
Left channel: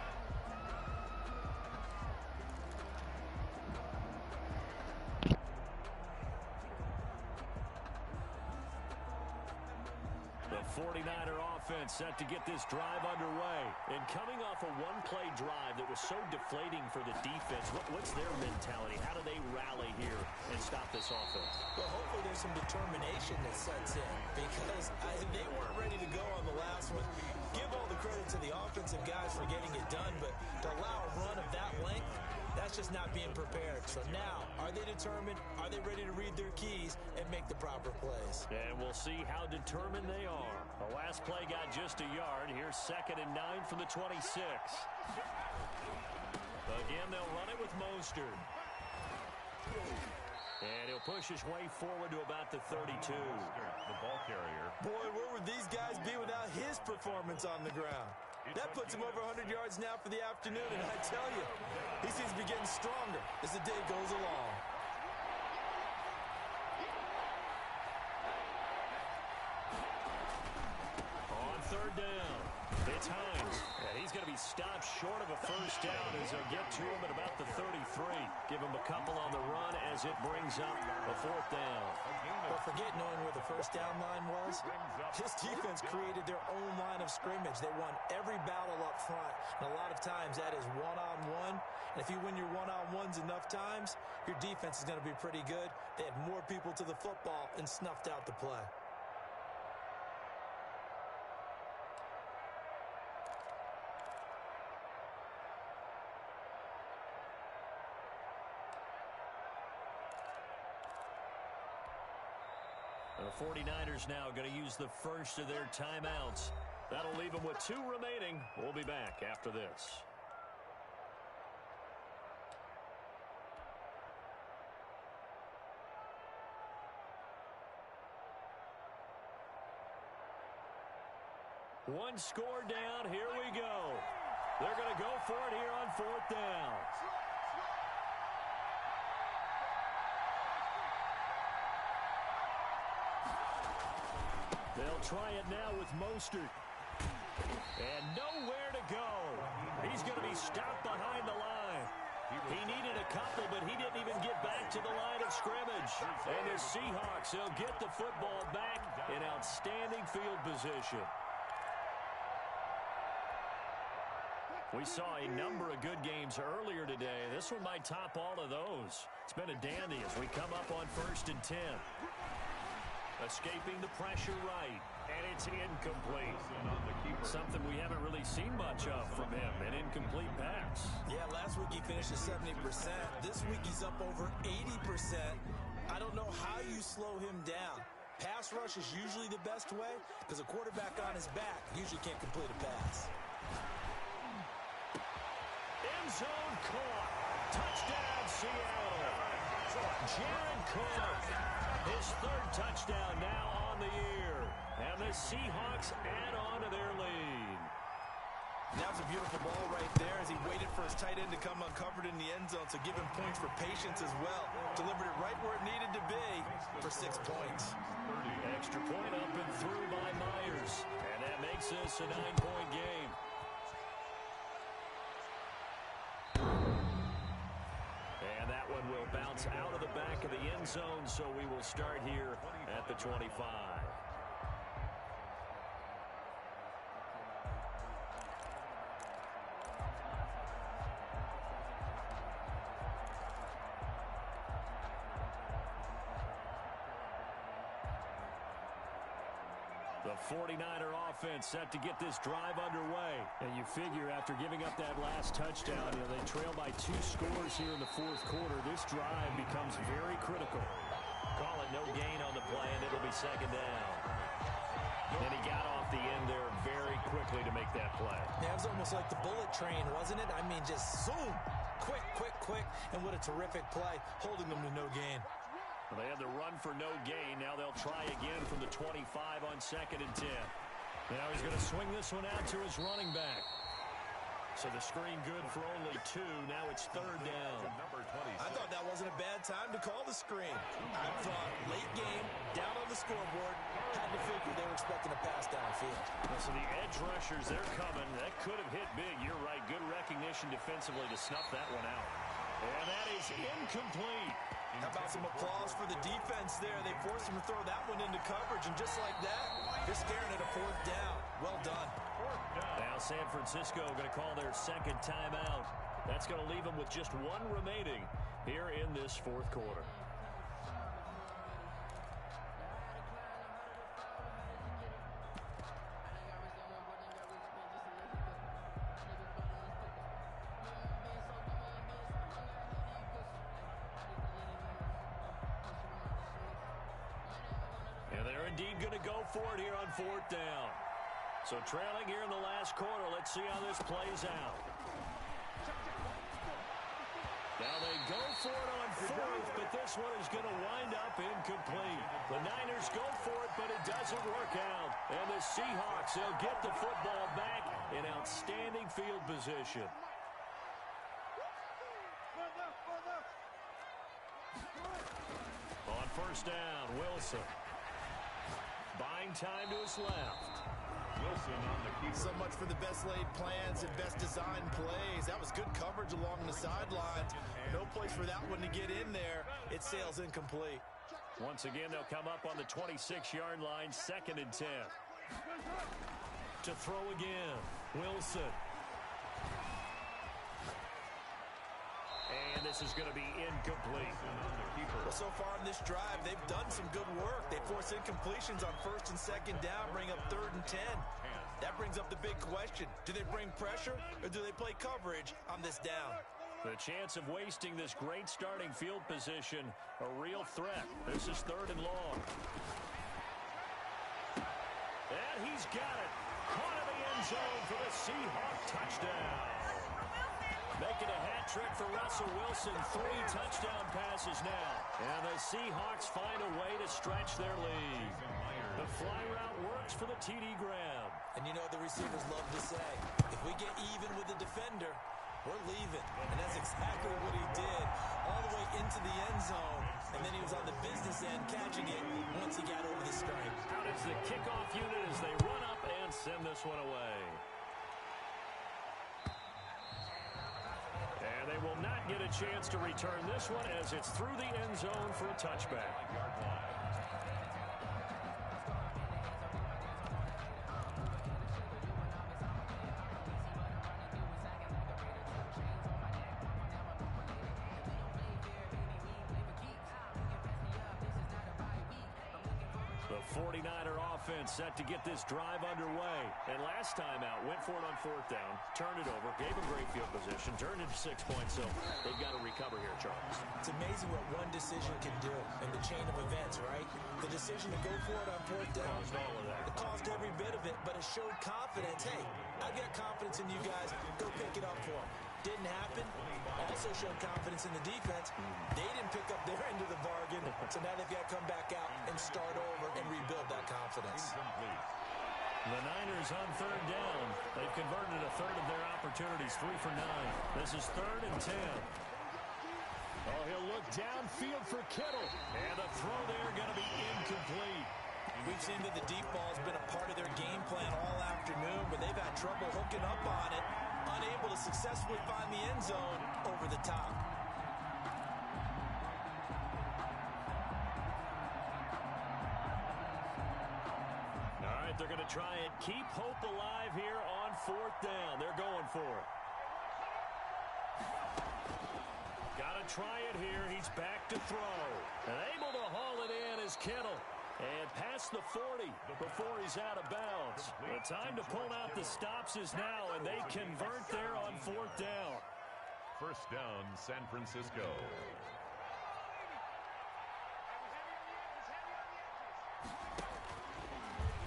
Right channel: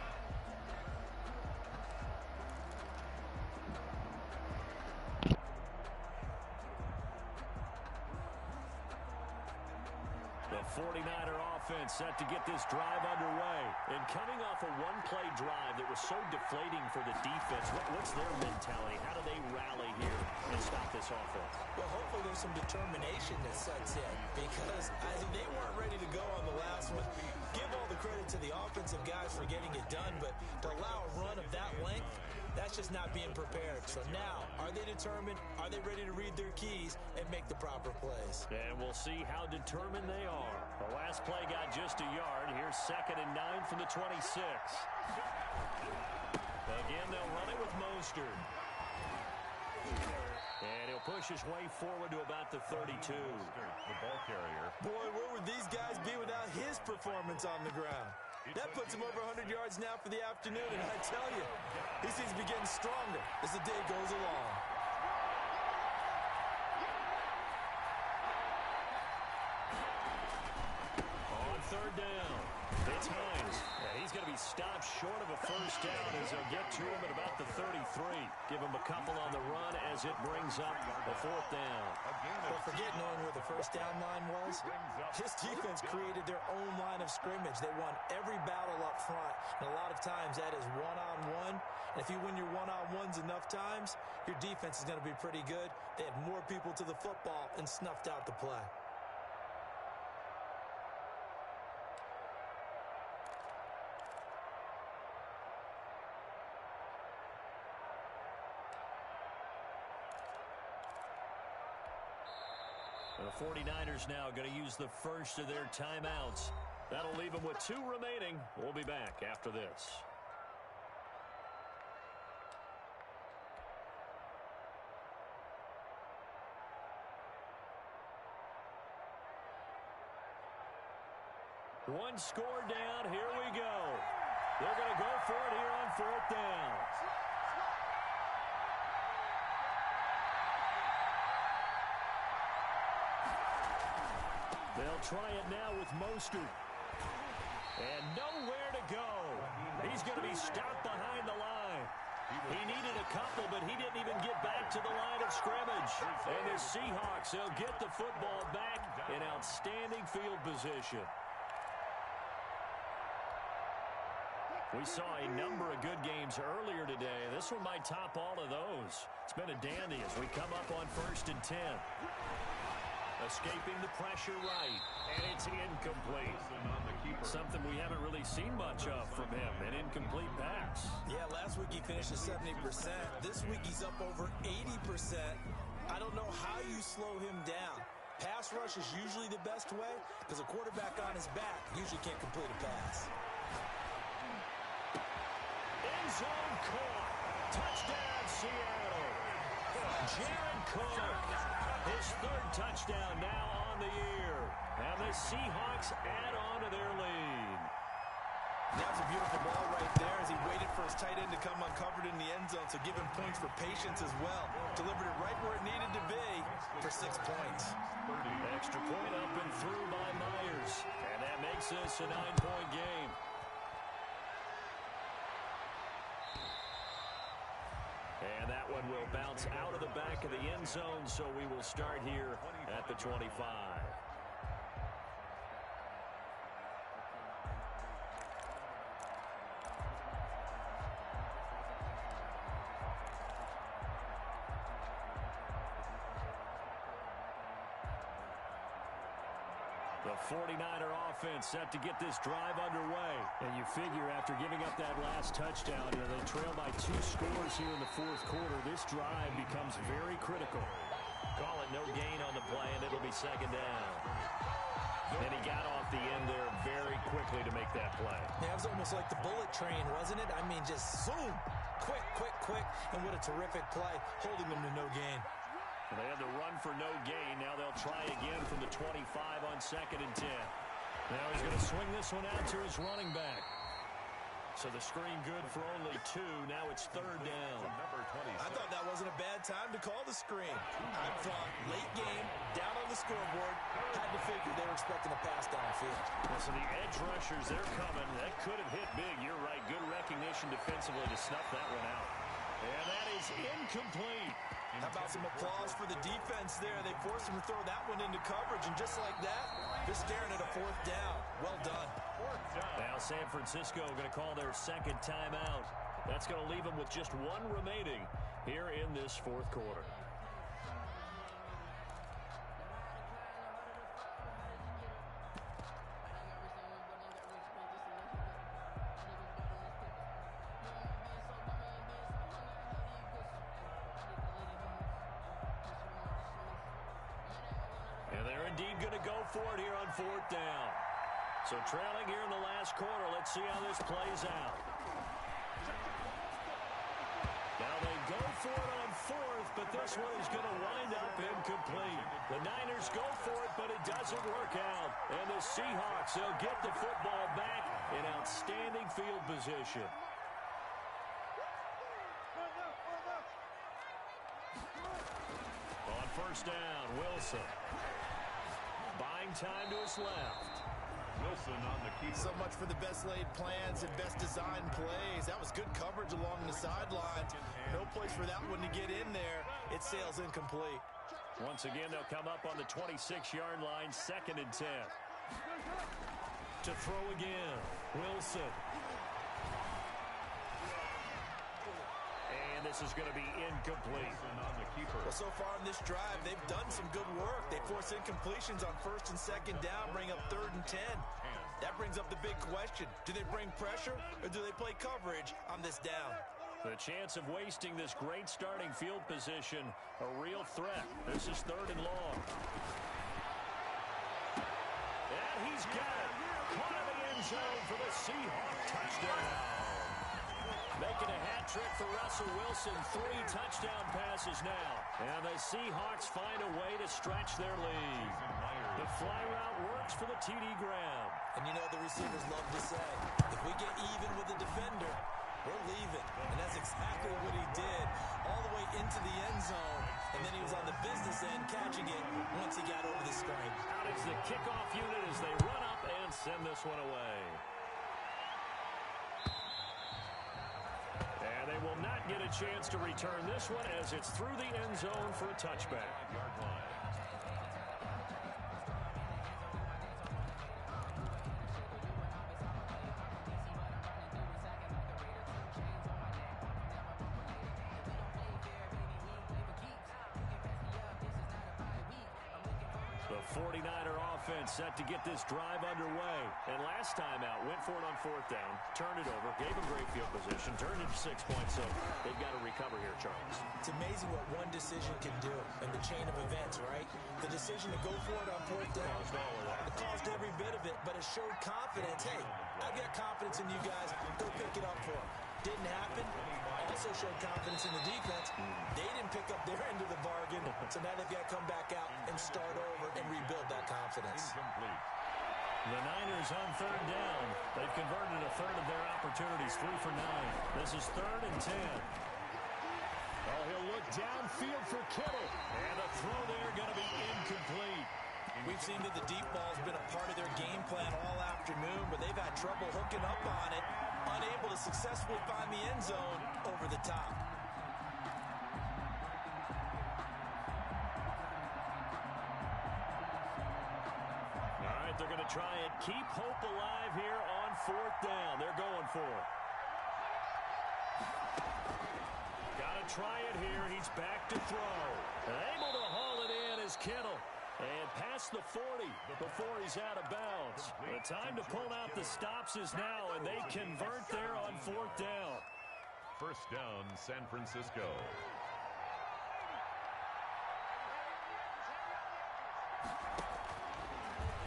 49er offense set to get this drive underway. And coming off a one-play drive that was so deflating for the defense, what's their mentality? How do they rally here and stop this offense? Well, hopefully there's some determination that sets in because they weren't ready to go on the last one. Give all the credit to the offensive guys for getting it done, but to allow a run of that length, that's just not being prepared. So now, are they determined? Are they ready to read their keys and make the proper plays? And we'll see how determined they are. The last play got just a yard. Here's 2nd and 9 from the 26. Again, they'll run it with Mostert. And he'll push his way forward to about the 32. The ball carrier. Boy, where would these guys be without his performance on the ground? That puts him over 100 yards now for the afternoon, and I tell you, he seems to be getting stronger as the day goes along. On 3rd down, it's Hines. And he's going to be stopped short of a first down as they'll get to him at about the 33. Give him a couple on the run as it brings up a 4th down. But forget knowing where the first down line was. This defense created their own line of scrimmage. They won every battle up front, and a lot of times that is one-on-one. And if you win your one-on-ones enough times, your defense is going to be pretty good. They had more people to the football and snuffed out the play. The 49ers now going to use the first of their timeouts. That'll leave them with 2 remaining. We'll be back after this. One score down. Here we go. They're going to go for it here on 4th down. They'll try it now with Mostert. And nowhere to go. He's going to be stopped behind the line. He needed a couple, but he didn't even get back to the line of scrimmage. And the Seahawks, they'll get the football back in outstanding field position. We saw a number of good games earlier today. This one might top all of those. It's been a dandy as we come up on 1st and 10. Escaping the pressure right, and it's incomplete. Something we haven't really seen much of from him, an incomplete pass. Yeah, last week he finished at 70%. This week he's up over 80%. I don't know how you slow him down. Pass rush is usually the best way because a quarterback on his back usually can't complete a pass. End zone caught. Touchdown, Seattle. Jared Cook, his 3rd touchdown now on the year. And the Seahawks add on to their lead. That was a beautiful ball right there as he waited for his tight end to come uncovered in the end zone, so give him points for patience as well. Delivered it right where it needed to be for 6 points. Extra point up and through by Myers. And that makes this a 9-point game. And that one will bounce out of the back of the end zone, so we will start here at the 25. The 49er offense set to get this drive underway. And you figure after giving up that last touchdown, they trail by 2 scores here in the 4th quarter. This drive becomes very critical. Call it no gain on the play, and it'll be 2nd down. And he got off the end there very quickly to make that play. Yeah, it was almost like the bullet train, wasn't it? I mean, just zoom. Quick, quick, quick. And what a terrific play, holding them to no gain. They had the run for no gain. Now they'll try again from the 25 on 2nd and 10. Now he's going to swing this one out to his running back. So the screen good for only 2. Now it's 3rd down. I thought that wasn't a bad time to call the screen. I thought late game, down on the scoreboard, had to figure they were expecting a pass downfield. So the edge rushers, they're coming. That could have hit big. You're right. Good recognition defensively to snuff that one out. And that is incomplete. How about some applause for the defense there? They forced him to throw that one into coverage, and just like that, they're staring at a fourth down. Well done. Fourth down. Now San Francisco going to call their second timeout. That's going to leave them with just one remaining here in this fourth quarter. And they're indeed going to go for it here on fourth down. So trailing here in the last quarter, let's see how this plays out. Now they go for it on fourth, but this one is going to wind up incomplete. The Niners go for it, but it doesn't work out. And the Seahawks, they'll get the football back in outstanding field position. On first down, Wilson. Buying time to his left. Wilson on the keeper. So much for the best laid plans and best designed plays. That was good coverage along the sidelines. No place for that one to get in there. It sails incomplete. Once again, they'll come up on the 26-yard line, 2nd and 10. To throw again, Wilson. And this is going to be incomplete. Wilson on the keeper. Well, so far in this drive, they've done some good work. They force incompletions on 1st and 2nd down, bring up 3rd and 10. That brings up the big question. Do they bring pressure or do they play coverage on this down? The chance of wasting this great starting field position, a real threat. This is 3rd and long. And he's got it. Caught in the end zone for the Seahawk touchdown. Making a hat trick for Russell Wilson. 3 touchdown passes now. And the Seahawks find a way to stretch their lead. The fly route works for the TD Graham. And you know the receivers love to say, if we get even with the defender, we're leaving. And that's exactly what he did. All the way into the end zone. And then he was on the business end catching it once he got over the stripe. Out is the kickoff unit as they run up and send this one away. And they will not get a chance to return this one as it's through the end zone for a touchback. 5-yard line. The 49er offense set to get this drive underway. And last time out, went for it on 4th down, turned it over, gave them great field position, turned it to 6 points, so they've got to recover here, Charles. It's amazing what one decision can do in the chain of events, right? The decision to go for it on 4th down. Caused all of that. It caused every bit of it, but it showed confidence. Hey, I've got confidence in you guys. Go pick it up for them. Didn't happen. Also showed confidence in the defense. They didn't pick up their end of the bargain, so now they've got to come back out and start over and rebuild that confidence. Incomplete. The Niners on 3rd down. They've converted a third of their opportunities, 3 for 9. This is 3rd and 10. Oh, he'll look downfield for Kittle. And the throw there going to be incomplete. We've seen that the deep ball's been a part of their game plan all afternoon, but they've had trouble hooking up on it, unable to successfully find the end zone over the top. All right, they're going to try it. Keep hope alive here on 4th down. They're going for it. Got to try it here. He's back to throw. And able to haul it in is Kittle. And past the 40 before he's out of bounds. The time to pull out the stops is now, and they convert there on 4th down. First down, San Francisco.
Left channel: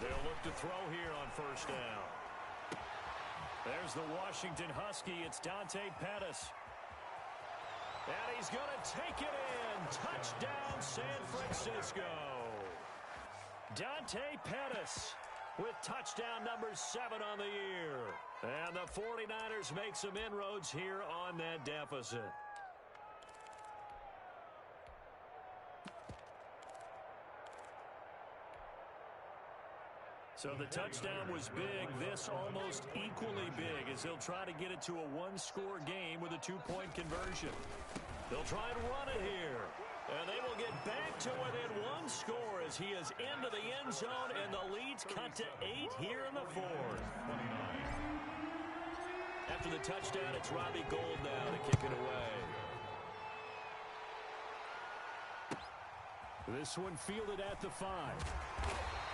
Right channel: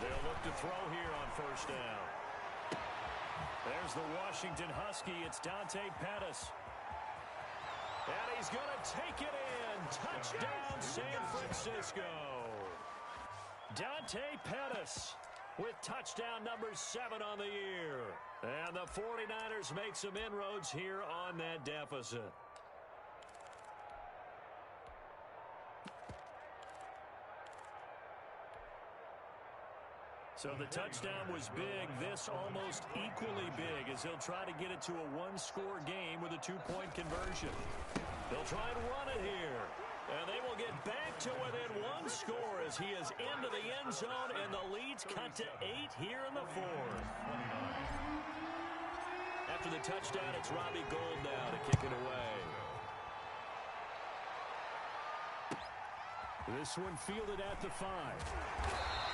They'll look to throw here on 1st down. There's the Washington Husky. It's Dante Pettis. And he's going to take it in. Touchdown, San Francisco. Dante Pettis with touchdown number 7 on the year. And the 49ers make some inroads here on that deficit. So the touchdown was big. This almost equally big as he'll try to get it to a one-score game with a two-point conversion. They'll try and run it here. And they will get back to within one score as he is into the end zone, and the lead's cut to 8 here in the fourth. 29. After the touchdown, it's Robbie Gould now to kick it away. This one fielded at the 5.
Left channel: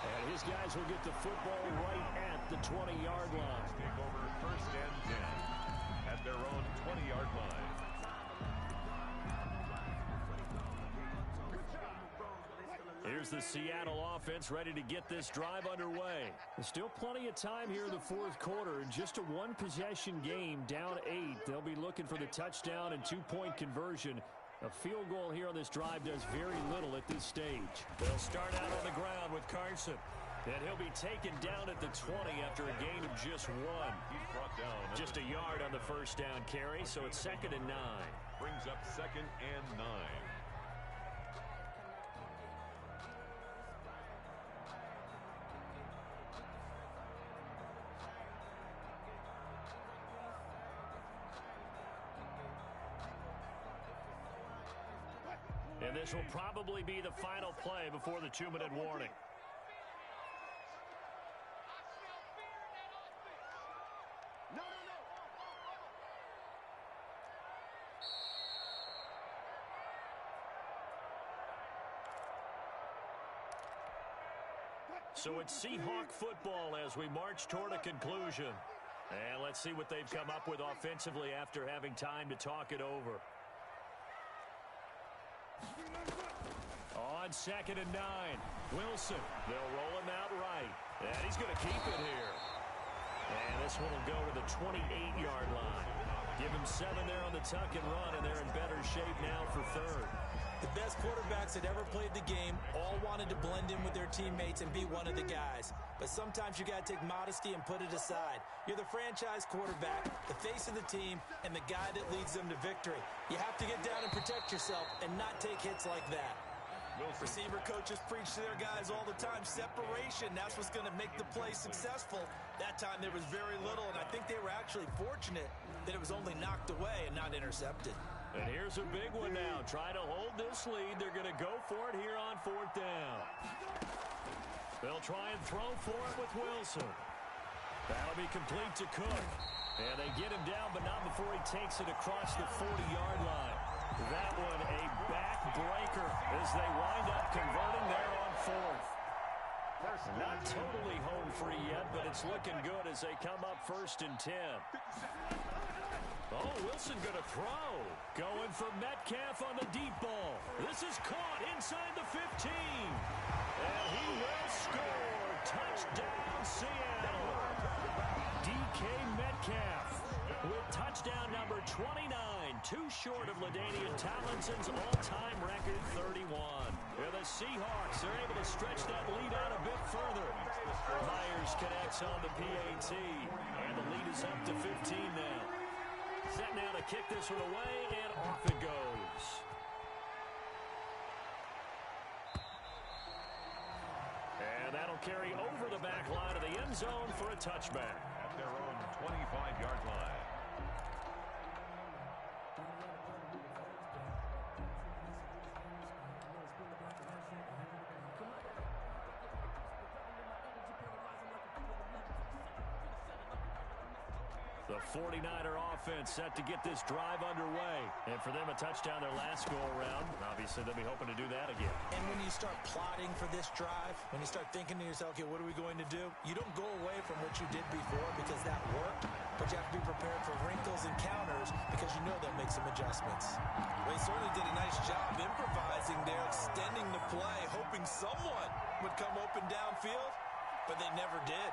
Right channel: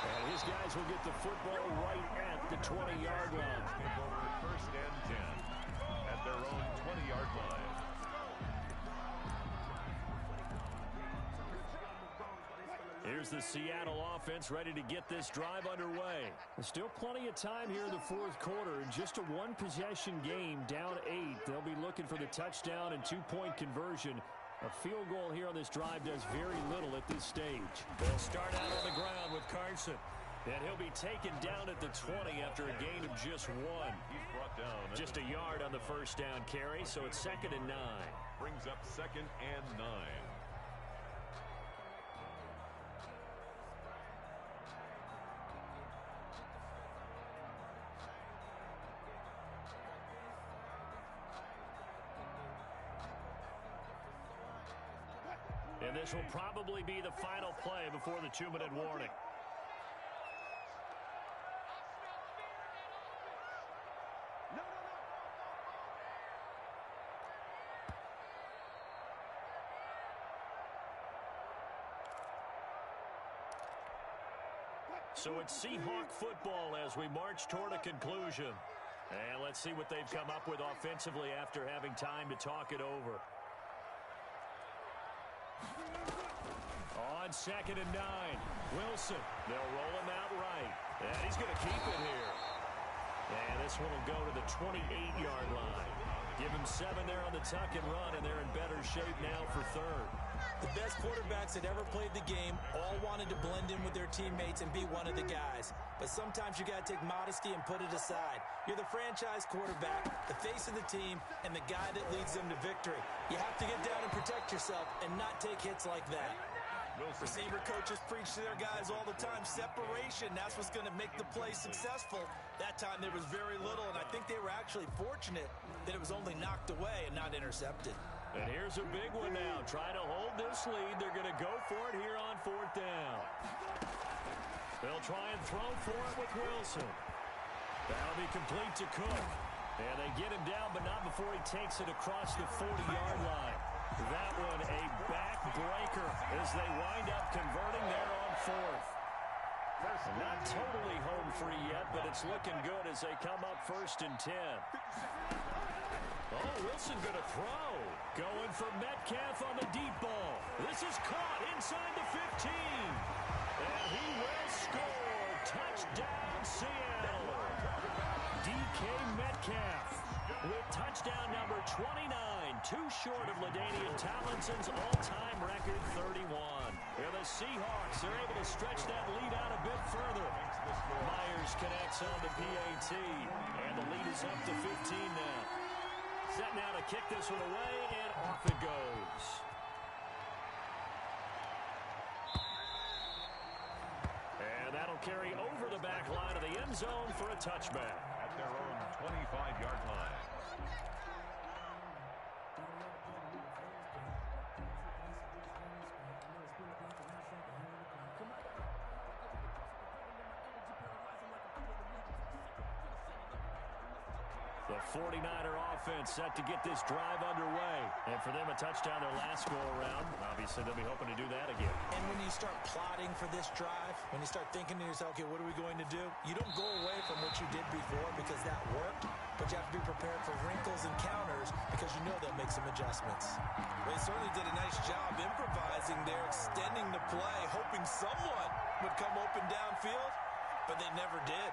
And his guys will get the football right at the 20-yard line. Take over first and 10 at their own 20-yard line. Here's the Seattle offense ready to get this drive underway. There's still plenty of time here in the fourth quarter. Just a one-possession game, down 8. They'll be looking for the touchdown and two-point conversion. A field goal here on this drive does very little at this stage. They'll start out on the ground with Carson. And he'll be taken down at the 20 after a gain of just 1. He's brought down. Just a yard on the first down carry, so it's 2nd and 9. Brings up 2nd and 9. And this will probably be the final play before the 2-minute warning. So it's Seahawk football as we march toward a conclusion. And let's see what they've come up with offensively after having time to talk it over. On 2nd and 9, Wilson. They'll roll him out right. And he's going to keep it here. And this one will go to the 28-yard line. Give him 7 there on the tuck and run, and they're in better shape now for 3rd. The best quarterbacks that ever played the game all wanted to blend in with their teammates and be one of the guys. But sometimes you got to take modesty and put it aside. You're the franchise quarterback, the face of the team, and the guy that leads them to victory. You have to get down and protect yourself and not take hits like that. Wilson. Receiver coaches preach to their guys all the time. Separation, that's what's going to make the play successful. That time there was very little, and I think they were actually fortunate that it was only knocked away and not intercepted. And here's a big one now. Trying to hold this lead. They're going to go for it here on 4th down. They'll try and throw for it with Wilson. That'll be complete to Cook. And they get him down, but not before he takes it across the 40-yard line. That one a backbreaker as they wind up converting there on 4th. Not totally home free yet, but it's looking good as they come up 1st and 10. Oh, Wilson going to throw. Going for Metcalf on the deep ball. This is caught inside the 15. And he will score. Touchdown, Seattle. DK Metcalf with touchdown number 29. Too short of LaDainian Tomlinson's all-time record 31. And the Seahawks are able to stretch that lead out a bit further. Myers connects on the PAT. And the lead is up to 15 now. Set now to kick this one away, and off it goes. And that'll carry over the back line of the end zone for a touchback. At their own 25-yard line. The 49er offense set to get this drive underway. And for them, a touchdown their last go-around. Obviously, they'll be hoping to do that again. And when you start plotting for this drive, when you start thinking to yourself, okay, what are we going to do? You don't go away from what you did before because that worked, but you have to be prepared for wrinkles and counters because you know they'll make some adjustments. They certainly did a nice job improvising there, extending the play, hoping someone would come open downfield, but they never did.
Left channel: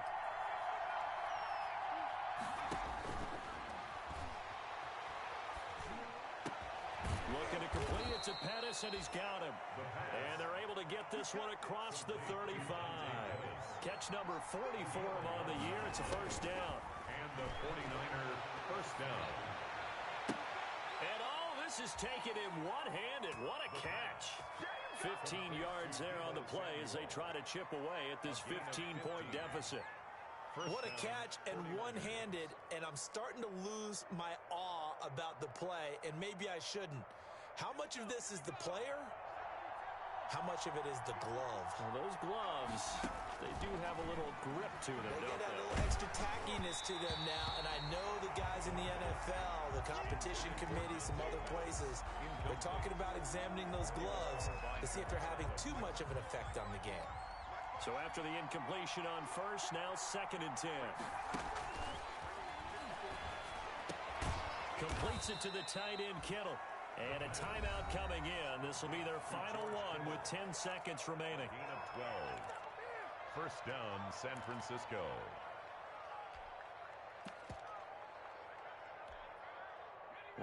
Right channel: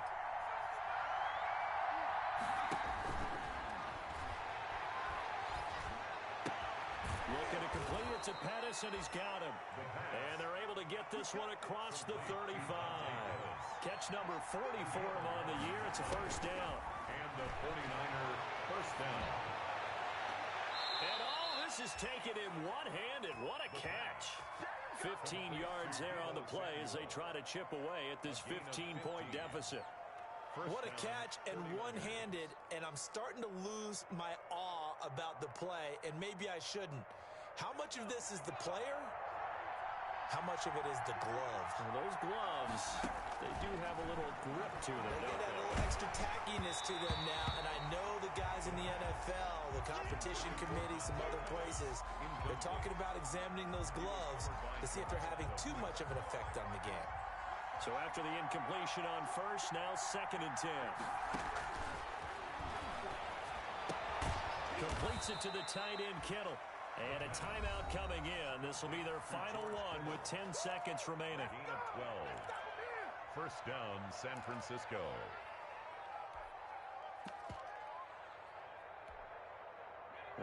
Looking to complete it to Pettis, and he's got him. And they're able to get this one across the 35. Catch number 44 on the year. It's a first down. And the 49er first down. And oh, this This is taken in one-handed. What a catch. 15 yards there on the play as they try to chip away at this 15-point deficit. What a catch and one-handed, and I'm starting to lose my awe about the play, and maybe I shouldn't. How much of this is the player? How much of it is the glove? Well, those gloves, they do have a little grip to them, They don't get a they? little extra tackiness to them now, and I know the guys in the NFL, the competition committee, some other places, they're talking about examining those gloves to see if they're having too much of an effect on the game. So after the incompletion on first, now 2nd and 10. Completes it to the tight end, Kittle. And a timeout coming in. This will be their final one with 10 seconds remaining. Gain of 12. First down, San Francisco.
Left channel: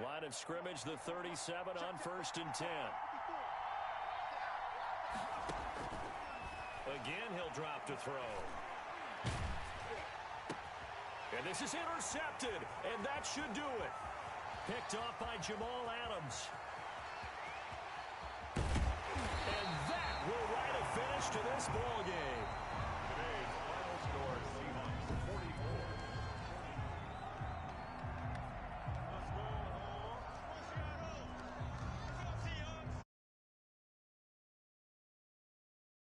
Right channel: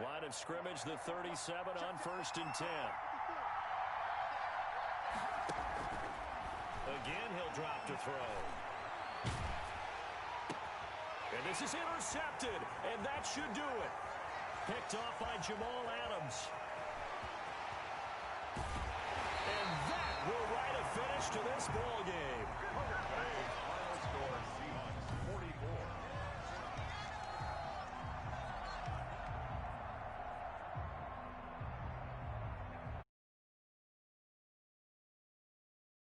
Line of scrimmage, the 37 on 1st and 10. Again, he'll drop to throw. And this is intercepted, and that should do it. Picked off by Jamal Adams. And that will write a finish to this ball game. Today's